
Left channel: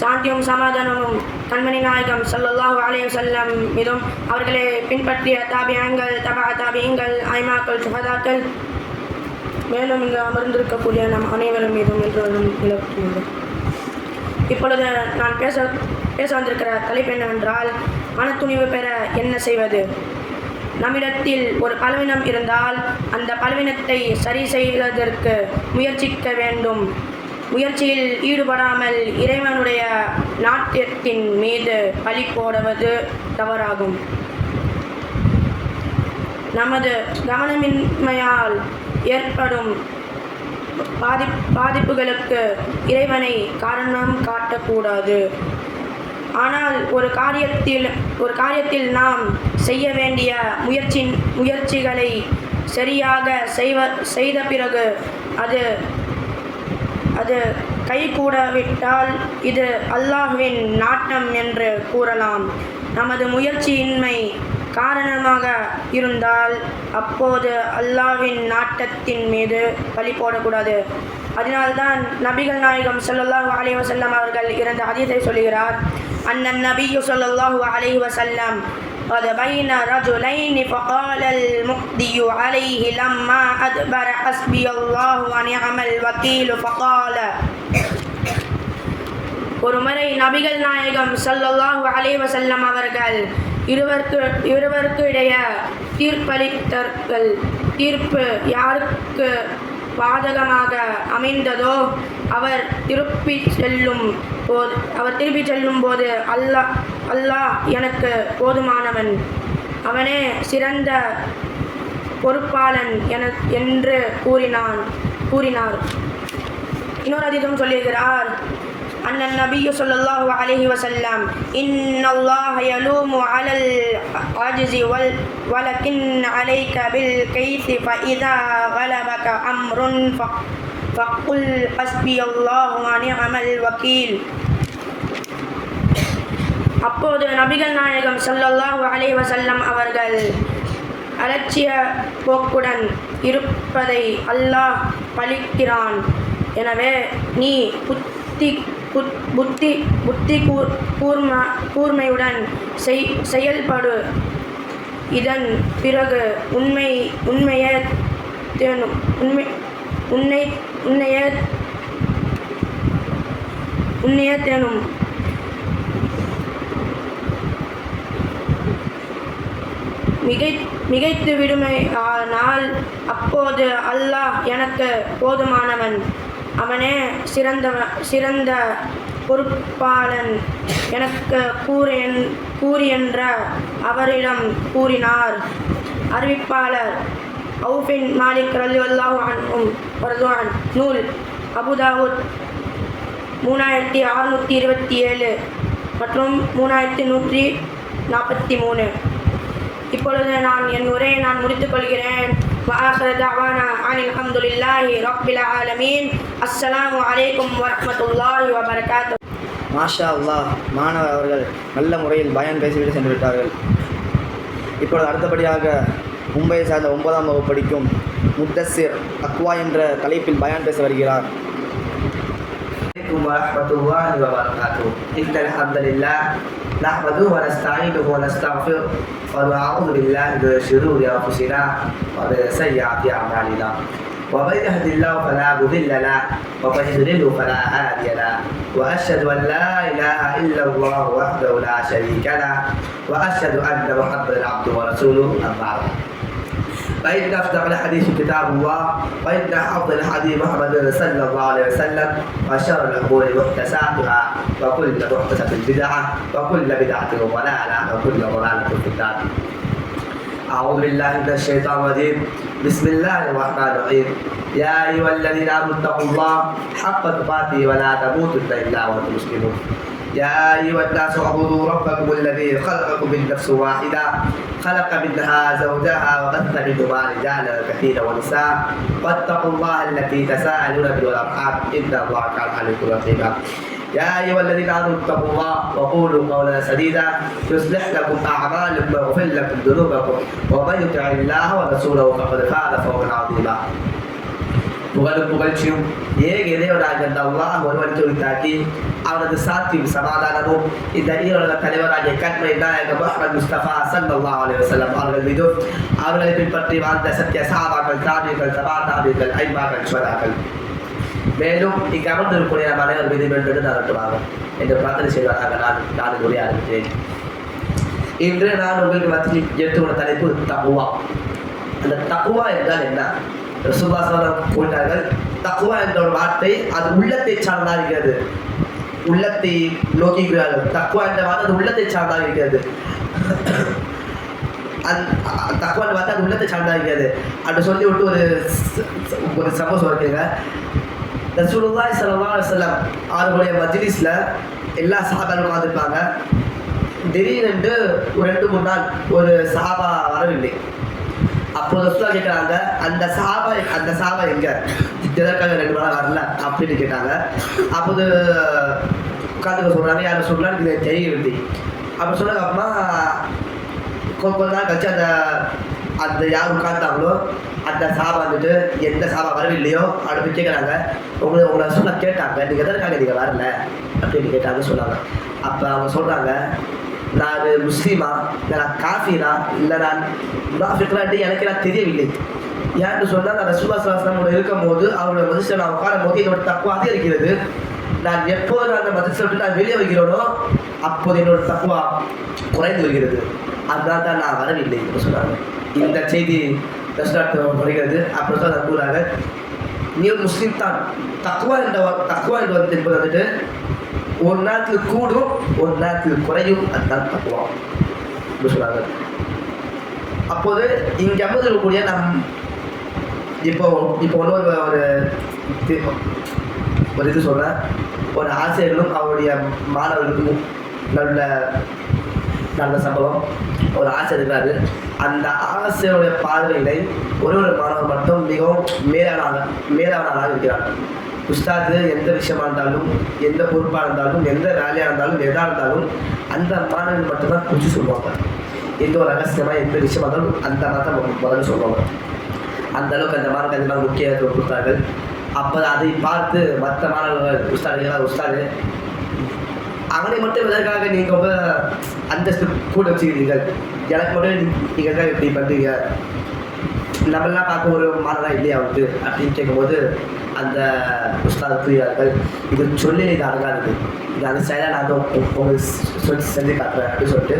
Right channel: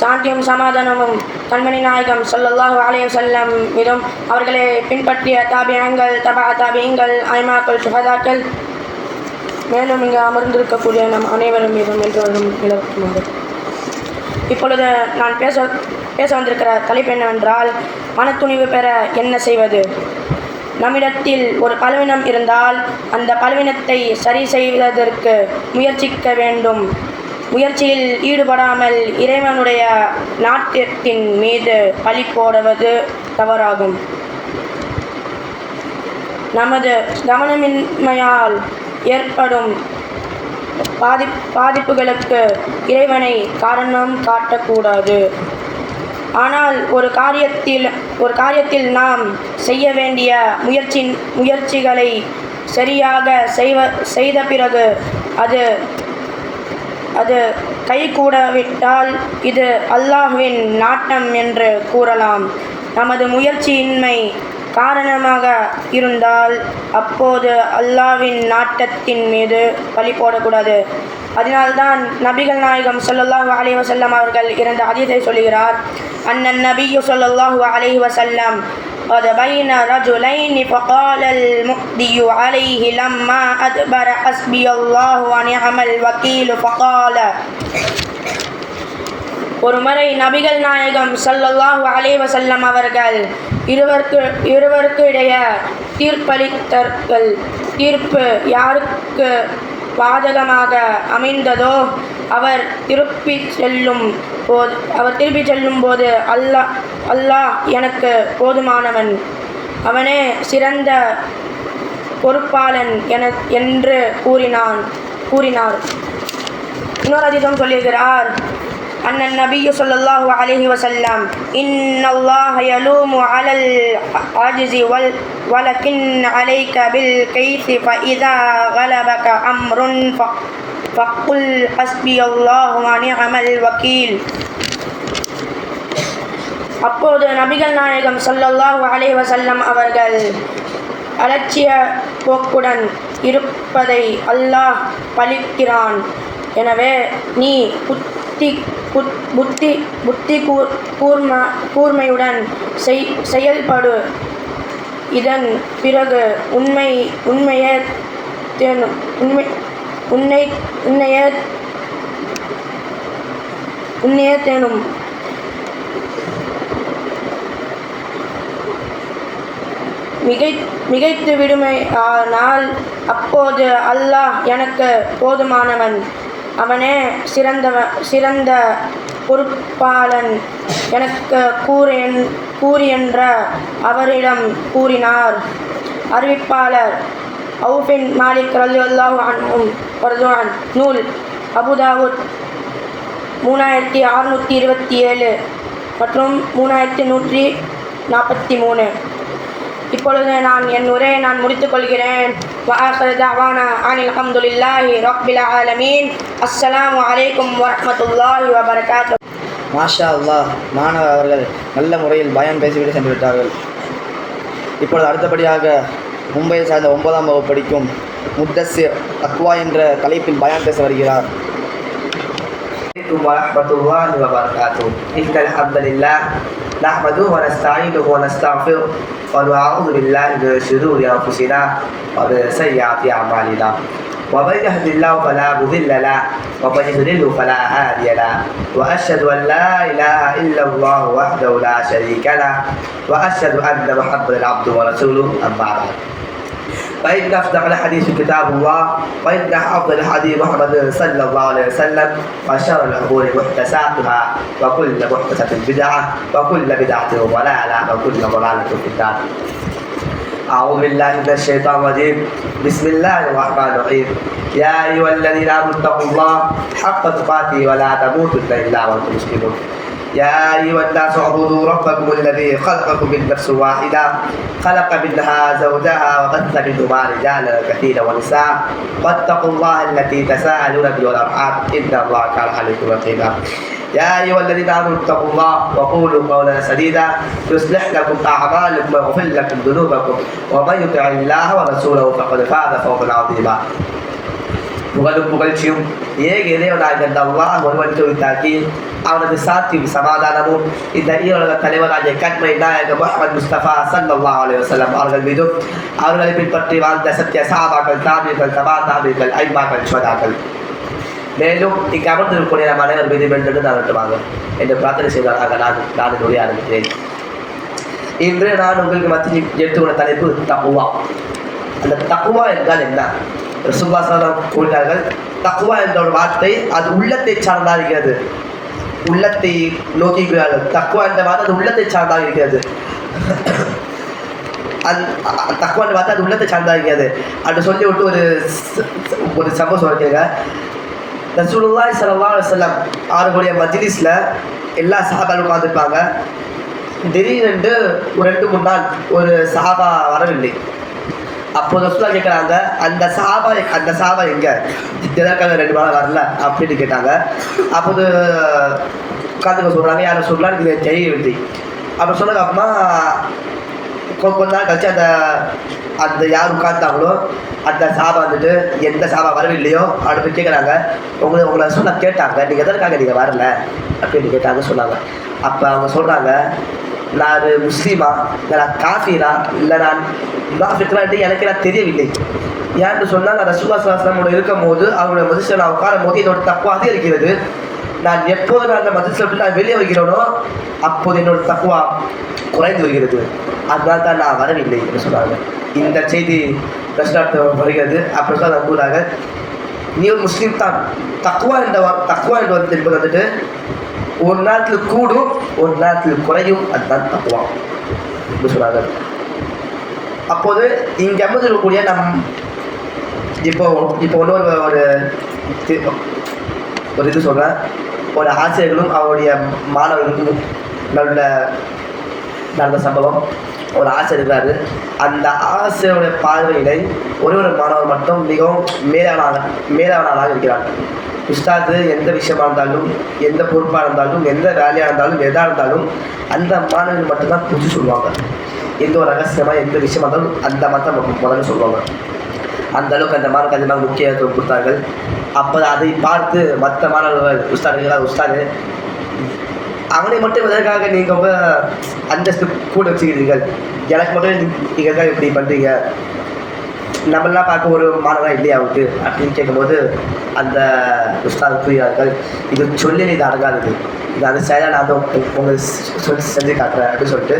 சாந்தியும் சமாதானமும் கண்மணி நாயகம் ஸல்லல்லாஹு அலைஹி வஸல்லம் மீதும் அவர்களை பின்பற்றிய தாபியங்கள், தபா தாபியங்கள், ஐமாக்கள், சுஹதாக்கள், மேலும் இங்கு அமர்ந்திருக்கக்கூடிய நம் அனைவரும் மீதும் என்றும் நிலவுமாறு. இப்பொழுது நான் பேச வந்திருக்கிற தலைப்பு என்னவென்றால், மனத்துணிவு பெற என்ன செய்வது. நம்மிடத்தில் ஒரு பலவீனம் இருந்தால் அந்த பலவீனத்தை சரி செய்வதற்கு முயற்சிக்க வேண்டும். முயற்சியில் ஈடுபடாமல் இறைவனுடைய நாட்டியத்தின் மீது பழி போடுவது தவறாகும். நமது கவனமின்மையால் ஏற்படும் பாதிப்புகளுக்கு இறைவனை காரணம் காட்டக்கூடாது. ஆனால் ஒரு காரியத்தில் நாம் செய்ய வேண்டிய முயற்சிகளை சரியாக செய்த பிறகு அது கைகூடவிட்டால் இது அல்லாஹ்வின் நாட்டம் என்று கூறலாம். நமது முயற்சியின்மை காரணமாக இருந்தால் அப்போது அல்லாஹ்வின் நாட்டத்தின் மீது பழி போடக்கூடாது. அதனால்தான் நபிகள் நாயகம் ஸல்லல்லாஹு அலைஹி வஸல்லம் அவர்கள் இருந்த ஹதீஸை சொல்கிறார். அன்னன் நபியு ஸல்லல்லாஹு அலைஹி வஸல்லம் قد بين رجلين فقال المؤذي عليه لما أدبر حسبي الله ونعم الوكيل فقال. ஒரு முறை நபிகள் நாயகம் ஸல்லல்லாஹு அலைஹி வஸல்லம் அவர்கள் இருவருக்கு இடையே தீர்ப்பளித்தார்கள். தீர்ப்பு யாருக்கு பாதகமாக அமைந்ததோ அவர் திருப்பி செல்லும் போது அல்லாஹ் எனக்கு போதுமானவன், அவனே சிறந்த பொறுப்பாளன் என்று கூறினார். இன்னொரு ஹதீஸும் சொல்லுகிறார். அன்னன் நபியு ஸல்லல்லாஹு அலைஹி வஸல்லம் இன்னல்லாஹ யலூமு அலல் அஜ்ஸி வலக்கின் அலைக பில் கைஸி ஃபஇதா கலபக அம்ருன் ஃபக்குல் ஹஸ்பியல்லாஹு வ நிஅமல் வக்கீல். அப்போது நபிகள் நாயகம் ஸல்லல்லாஹு அலைஹி வஸல்லம் அவர்கள் அலட்சிய போக்குடன் இருப்பதை அல்லாஹ் பழிக்கிறான். எனவே நீ புத்தி கூர்மையுடன் செயல்படு இதன் பிறகு உண்மையே தேனும் மிகைத்து விடுமை. ஆனால் அப்போது அல்லாஹ் எனக்கு போதுமானவன், அவனே சிறந்த பொறுப்பாளன் எனக்கு கூறியென்ற அவரிடம் கூறினார். அறிவிப்பாளர் அவுஃபின் மாலிக் ரலியல்லாஹு அன்ஹு வர்துவான். நூல் அபுதாவுத் 3627 மற்றும் 3143. இப்பொழுது நான் என் உரையை முடித்துக் கொள்கிறேன். وآخر دعوانا أن الحمد لله رب العالمين. السلام عليكم ورحمة الله وبركاته. மாஷா அல்லாஹ், மாணவர் அவர்கள் நல்ல முறையில் பயான் பேசிவிட்டு சென்று விட்டார்கள். இப்பொழுது அடுத்தபடியாக மும்பையை சார்ந்த 9ஆம் வகுப்பு படிக்கும் முத்தஸ்ஸிர் தக்வா என்ற தலைப்பில் பயான் பேச வருகிறார். warahmatullahi wabarakatuh. Alhamdulillah nahmaduhu wa nasta'inuhu wa nastaghfiruh wa na'udzu billahi min shururi anfusina wa min sayyiati a'malina. Wa man yahdihillahu fala mudilla lahu wa man yudlilhu fala hadiya lahu. Wa ashhadu an la ilaha illa Allah wahdahu la sharika lahu wa ashhadu anna Muhammadan 'abduhu wa rasuluhu. Amma ba'd. فإن أصدق الحديث كتاب الله وإن أفضل الحديث محمد صلى الله عليه وسلم وشر الأمور محدثاتها وكل محدثة بدعة وكل بدعة ضلالة وكل ضلالة في النار. أعوذ بالله من الشيطان الرجيم. بسم الله الرحمن الرحيم. يا أيها الذين آمنوا اتقوا الله حق تقاته ولا تموتن إلا وأنتم مسلمون. يا أيها الناس اعبدوا ربكم الذي خلقكم من نفس واحدة خلق منها زوجها وبث منهما رجالا كثيرا ونساء واتقوا الله التي تساءلون به والأرحام إن الله كان عليكم رقيبا. يا أيها الذين آمنوا اتقوا الله وقولوا قولا سديدا يصلح لكم أعمالكم ويغفر لكم ذنوبكم ومن يطع الله ورسوله فقد فاز فوزا عظيما. புகழும் புகழ்ச்சியும் ஏக இறைவனாக அல்லாஹ் ஒருவனுக்கு உரித்தாக்கி அவனது சாத்தியும் சமாதானமும் இந்த ஈரோட தலைவராகிய கண்மை நாயகம் முஹம்மது முஸ்தபா ஸல்லல்லாஹு அலைஹி வஸல்லம் அவர்கள் மீதும் அவர்களை பின்பற்றி வாழ்ந்த சத்திய சஹாபாக்கள், தாபிகள், தபா தாபிகள், ஐமாக்கள், ஷுஹதாக்கள், மேலும் இங்கு அமர்ந்திருக்கக்கூடிய நம் அனைவர் மீது வென்று நடத்துவாங்க என்று பிரார்த்தனை செய்வதாக நான் உரைய ஆரம்பிக்கிறேன். இன்று நான் உங்களுக்கு மத்தியில் எடுத்துக்கொண்ட தலைப்பு தக்வா. அந்த தக்வா என்றால் என்ன? ரசூலுல்லாஹ் கூறினார்கள், தக்வா என்ற ஒரு வார்த்தை அது உள்ளத்தை சார்ந்ததாக இருக்கிறது, உள்ளத்தை நோக்கிக்கிறார்கள். தக்வா என்ற வார்த்தை அது உள்ளத்தை சார்ந்ததாக இருக்கிறது. தக்வா என்ற வார்த்தை அது உள்ளத்தை சார்ந்ததாக இருக்கிறது அப்படி சொல்லி விட்டு ஒரு சம்பவம் சொல்லிருக்காங்க. ரசூலுல்லாஹி ஸல்லல்லாஹு அலைஹி வஸல்லம் அவர்களுடைய மஜ்லிஸ்ல எல்லா சஹாபாக்களும் உட்கார்ந்துருப்பாங்க. திடீரென்று ஒரு 2-3 நாள் ஒரு சஹாபா வரவில்லை. அப்போது ரசூலுல்லாஹ் கேட்குறாங்க, அந்த சஹாபா எங்க, எதற்காக 2 நாள் வரல அப்படின்னு கேட்டாங்க. அப்போது உட்காந்துக்க சொல்கிறாங்க, யாரும் சொல்லலாம் இது தெரியவில்லை அப்படி சொன்னதுக்கு அப்புறமா கொஞ்ச நாள் கழிச்சு அந்த யார் உட்கார்ந்தாங்களோ அந்த சஹாபா வந்துட்டு எந்த சஹாபா வரவில்லையோ அப்படி கேட்குறாங்க. உங்களை சொல்ல கேட்டாங்க, நீங்கள் எதற்காக நீங்கள் வரல அப்படின்னு கேட்டாங்க சொன்னாங்க. அப்போ அவங்க சொல்கிறாங்க, நான் முஸ்லீமா இல்லை நான் காஃபிரா இல்லை நான் முனாஃபிக்லான்ட்டு எனக்கு நான் தெரியவில்லை. ஏன்னு சொன்னால் நான் ரசூலுல்லாஹி ஸல்லல்லாஹு அலைஹி வஸல்லம் இருக்கும் போது அவங்களோட மஜ்லிஸில் நான் உட்காரும் போது என்னோட தக்வா அதிகரிக்கிறது. நான் எப்போது நான் அந்த மஜ்லிஸில் விட்டு நான் வெளியே வருகிறேனோ அப்போது என்னோட தக்வா குறைந்து வருகிறது, அதனால தான் நான் வரவில்லை என்று சொன்னாங்க. இந்த செய்தி ரசூலுல்லாஹ் வருகிறது. அப்படி சொல்ல கூறாங்க, நீ ஒரு முஸ்லீம் தான். தக்வா என்பது வந்துட்டு ஒரு நேரத்தில் கூடும் ஒரு நேரத்தில் குறையும், அதுதான் தக்வா என்று சொன்னாங்க. அப்போது இங்கே அமர்ந்திருக்கக்கூடிய இப்போ ஒரு இது சொல்கிறேன். ஒரு ஆசிரியர்களும் அவருடைய மாணவர்களுக்கும் நடந்த சம்பவம். ஒரு ஆசிரியர் இருக்கிறாரு. அந்த ஆசிரியருடைய பார்வையிலே ஒரு மாணவர் மட்டும் மிகவும் மேலானவனாக இருக்கிறார். உஸ்தாது எந்த விஷயமா இருந்தாலும், எந்த பொறுப்பாக இருந்தாலும், எந்த வேலையாக இருந்தாலும், எதாக இருந்தாலும் அந்த மாணவர்கள் மட்டும்தான் பூச்சி சொல்லுவாங்க. எந்த ஒரு ரகசியமாக எந்த விஷயமா இருந்தாலும் அந்த மட்டும் முதல்ல சொல்லுவாங்க. அந்த அளவுக்கு அந்த மாணவர்கள் அதிகமாக முக்கியத்துவம் கொடுத்தார்கள். அப்போ அதை பார்த்து மற்ற மாணவர்கள் உஸ்தாது அவனை மட்டும் எதற்காக நீங்கள் ரொம்ப அந்தஸ்து கூட வச்சுக்கிறீர்கள், எனக்கு மட்டும் நீங்கள் இப்படி பண்ணுறீங்க, நம்மளாம் பார்க்க ஒரு மாணவராக இல்லையா அவருக்கு அப்படின்னு கேட்கும்போது அந்த உஸ்தாத் புரியார்கள், இது சொல்லி இது அடங்காதது, இது அந்த செயலாக நான் வந்து உங்களுக்கு செஞ்சு காட்டுறேன் அப்படின்னு சொல்லிட்டு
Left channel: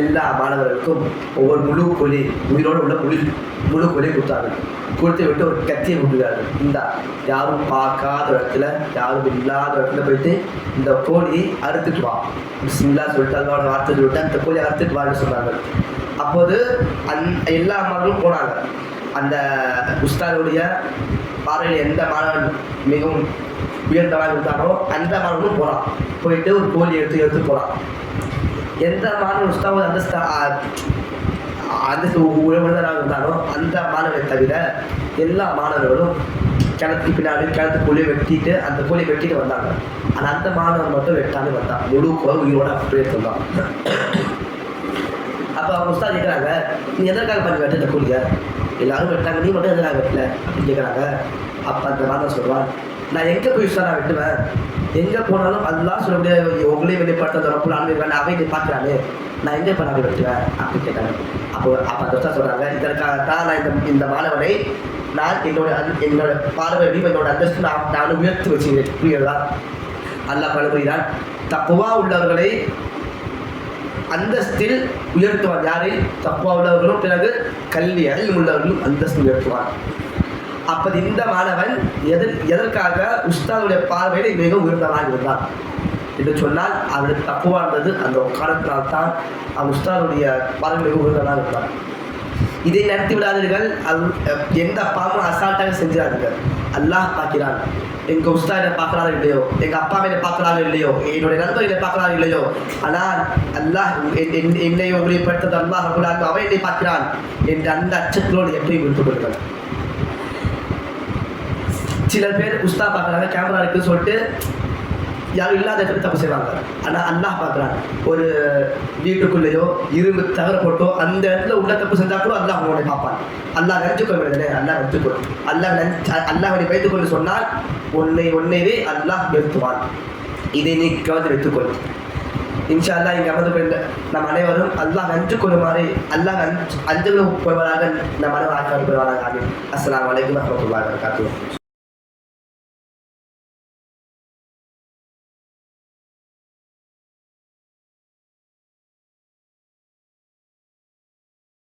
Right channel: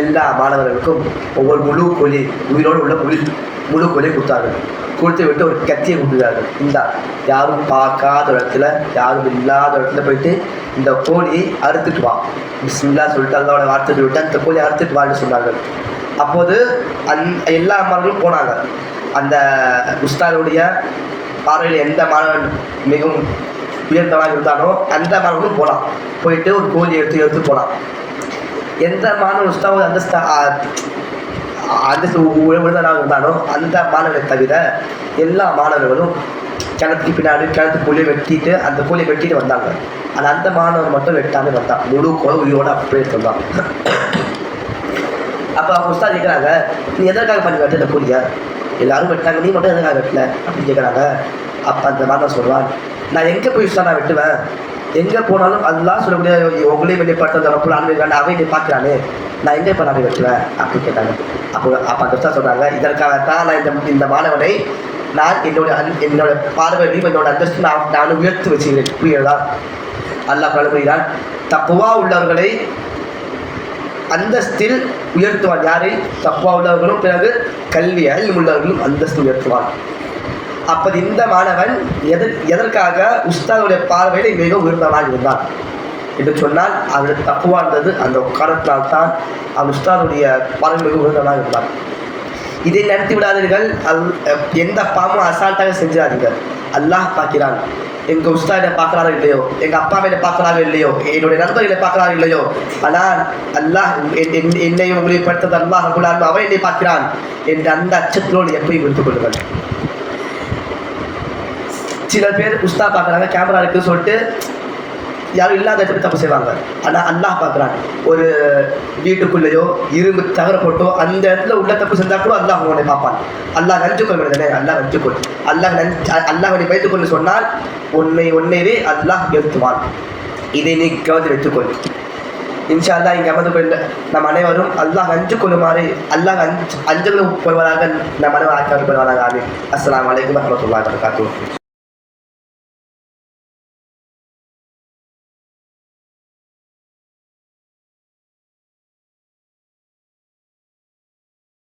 எல்லா மாணவர்களுக்கும் ஒவ்வொரு முழு கோழி, உயிரோடு உள்ள முழு கோழியை கொடுத்தார்கள். கொடுத்து விட்டு ஒரு கத்தியை கொடுத்துருக்காரு. இந்த யாரும் பார்க்காத இடத்துல, யாரும் இல்லாத இடத்துல போயிட்டு இந்த கோழியை அறுத்துட்டு வா, பிஸ்மில்லா சொல்லிட்டு அதோட வார்த்தை விட்டு அந்த கோழியை அறுத்துட்டு வான்னு சொன்னாங்க. அப்போது எல்லா மாணவர்களும் போனாங்க. அந்த உஸ்தாதுடைய பார்வையில் எந்த மாணவன் மிகவும் உயர்ந்தவனாக இருந்தானோ அந்த மாணவனும் போகலாம். போயிட்டு ஒரு கோழி எடுத்து போகலாம். எந்த மாணவன் உஸ்தாது அந்த உயர்ந்தவனாக இருந்தானோ அந்த மாணவனை தவிர எல்லா மாணவர்களும் கிணத்துக்கு பின்னாடி கிணத்துக்குள்ளேயே வெட்டிட்டு அந்த கோழியை வெட்டிட்டு வந்தாங்க. ஆனால் அந்த மாணவன் மட்டும் வெட்டாமே வந்தான், முழு கோழி உயிரோட அப்படியே எடுத்துருந்தான். அப்போ அவங்க உஸ்தாது கேட்குறாங்க, நீ எதற்காக பண்ணி வெட்ட இந்த கோழியை, எல்லாரும் வெட்டாங்க, நீ மட்டும் எதுக்காக வெட்டல அப்படின்னு கேட்குறாங்க. அப்போ அந்த மாணவன் சொல்லுவான், நான் எங்கே போய் உஸ்தாது நான் வெட்டுவேன், எங்கே போனாலும் அதெல்லாம் சொல்லக்கூடிய உங்களையும் வெளிப்படுத்த ரப்புல் ஆலமீன் அவை நீ பார்க்குறானே, நான் எங்கே இப்போ நான் வெட்டுவேன் அப்படின்னு கேட்டாங்க. அப்போ அந்த உஸ்தாது சொல்கிறாங்க, இதற்காகத்தான் நான் இந்த மாணவனை நான் என்னோட பார்வையும் என்னோட அந்தஸ்து நான் உயர்த்து வச்சுக்கிறேன். புரியுதா? அல்லாஹ் பழகுகிறான், தப்புவா உள்ளவர்களை அந்தஸ்தில் உயர்த்துவான். யாரை? தப்புவா உள்ளவர்களும் பிறகு கல்வி உள்ளவர்களும் அந்தஸ்து உயர்த்துவான். அப்போ இந்த மாணவன் எதற்காக உஸ்தாதுடைய பார்வையில் மிக உயர்ந்தவனாக இருந்தான் என்று சொன்னால் அது தப்புவா இருந்தது. அந்த காரணத்தினால் தான் அவன் உஸ்தாதுடைய பார்வை மிக உயர்ந்தவனாக இருந்தான். இதை நடத்தி விடாதீர்கள். எந்த பாவமும் அசால்ட்டாக செஞ்சிடாதீர்கள். அல்லாஹ் பார்க்கிறான். எங்கள் உஸ்தாதை பார்க்குறாரோ இல்லையோ, எங்கள் அப்பா மேலே பார்க்குறாரோ இல்லையோ, என்னுடைய நண்பர்களை பார்க்குறாரோ இல்லையோ, ஆனால் அல்லாஹ் என்னையும் உங்களை படுத்தது அல்லாஹ் ரப்புல் அவன் என்னை பார்க்கிறான் என்று அந்த அச்சத்தோடு எப்படி விடுத்துக் கொள்ளுங்கள். சில பேர் உஸ்தா பார்க்குறாங்க, கேமரா இருக்குன்னு சொல்லிட்டு யாரும் இல்லாத இடத்துல தப்பு செய்வாங்க. ஆனால் அல்லாஹ் பார்க்குறான். ஒரு வீட்டுக்குள்ளேயோ இரும்பு தவற போட்டோ அந்த இடத்துல உள்ள தப்பு செஞ்சால் கூட அல்லாஹ் உன்னை பார்ப்பான். அல்லாஹ் நஞ்சுக்கொள் மனிதனே, அல்லாஹ் நஞ்சுக்கொள், அல்லாஹ் நீ வைத்துக்கொண்டு சொன்னால் உன்னைவே அல்லாஹ் நிறுத்துவான். இதை நீ கவர்ந்து வைத்துக்கொள். இன்ஷா அல்லாஹ் இங்கே அமர்ந்து கொள்ள நம் அனைவரும் அல்லாஹ் நஞ்சு கொள்ளுமாறு அல்லாஹ் அஞ்சு கொள்வதாக நம் அனைவரும் ஆக்கி கொள்வாராக. ஆமீன். அஸ்ஸலாமு அலைக்கும் வரஹ்மத்துல்லாஹி வபரகாத்துஹு.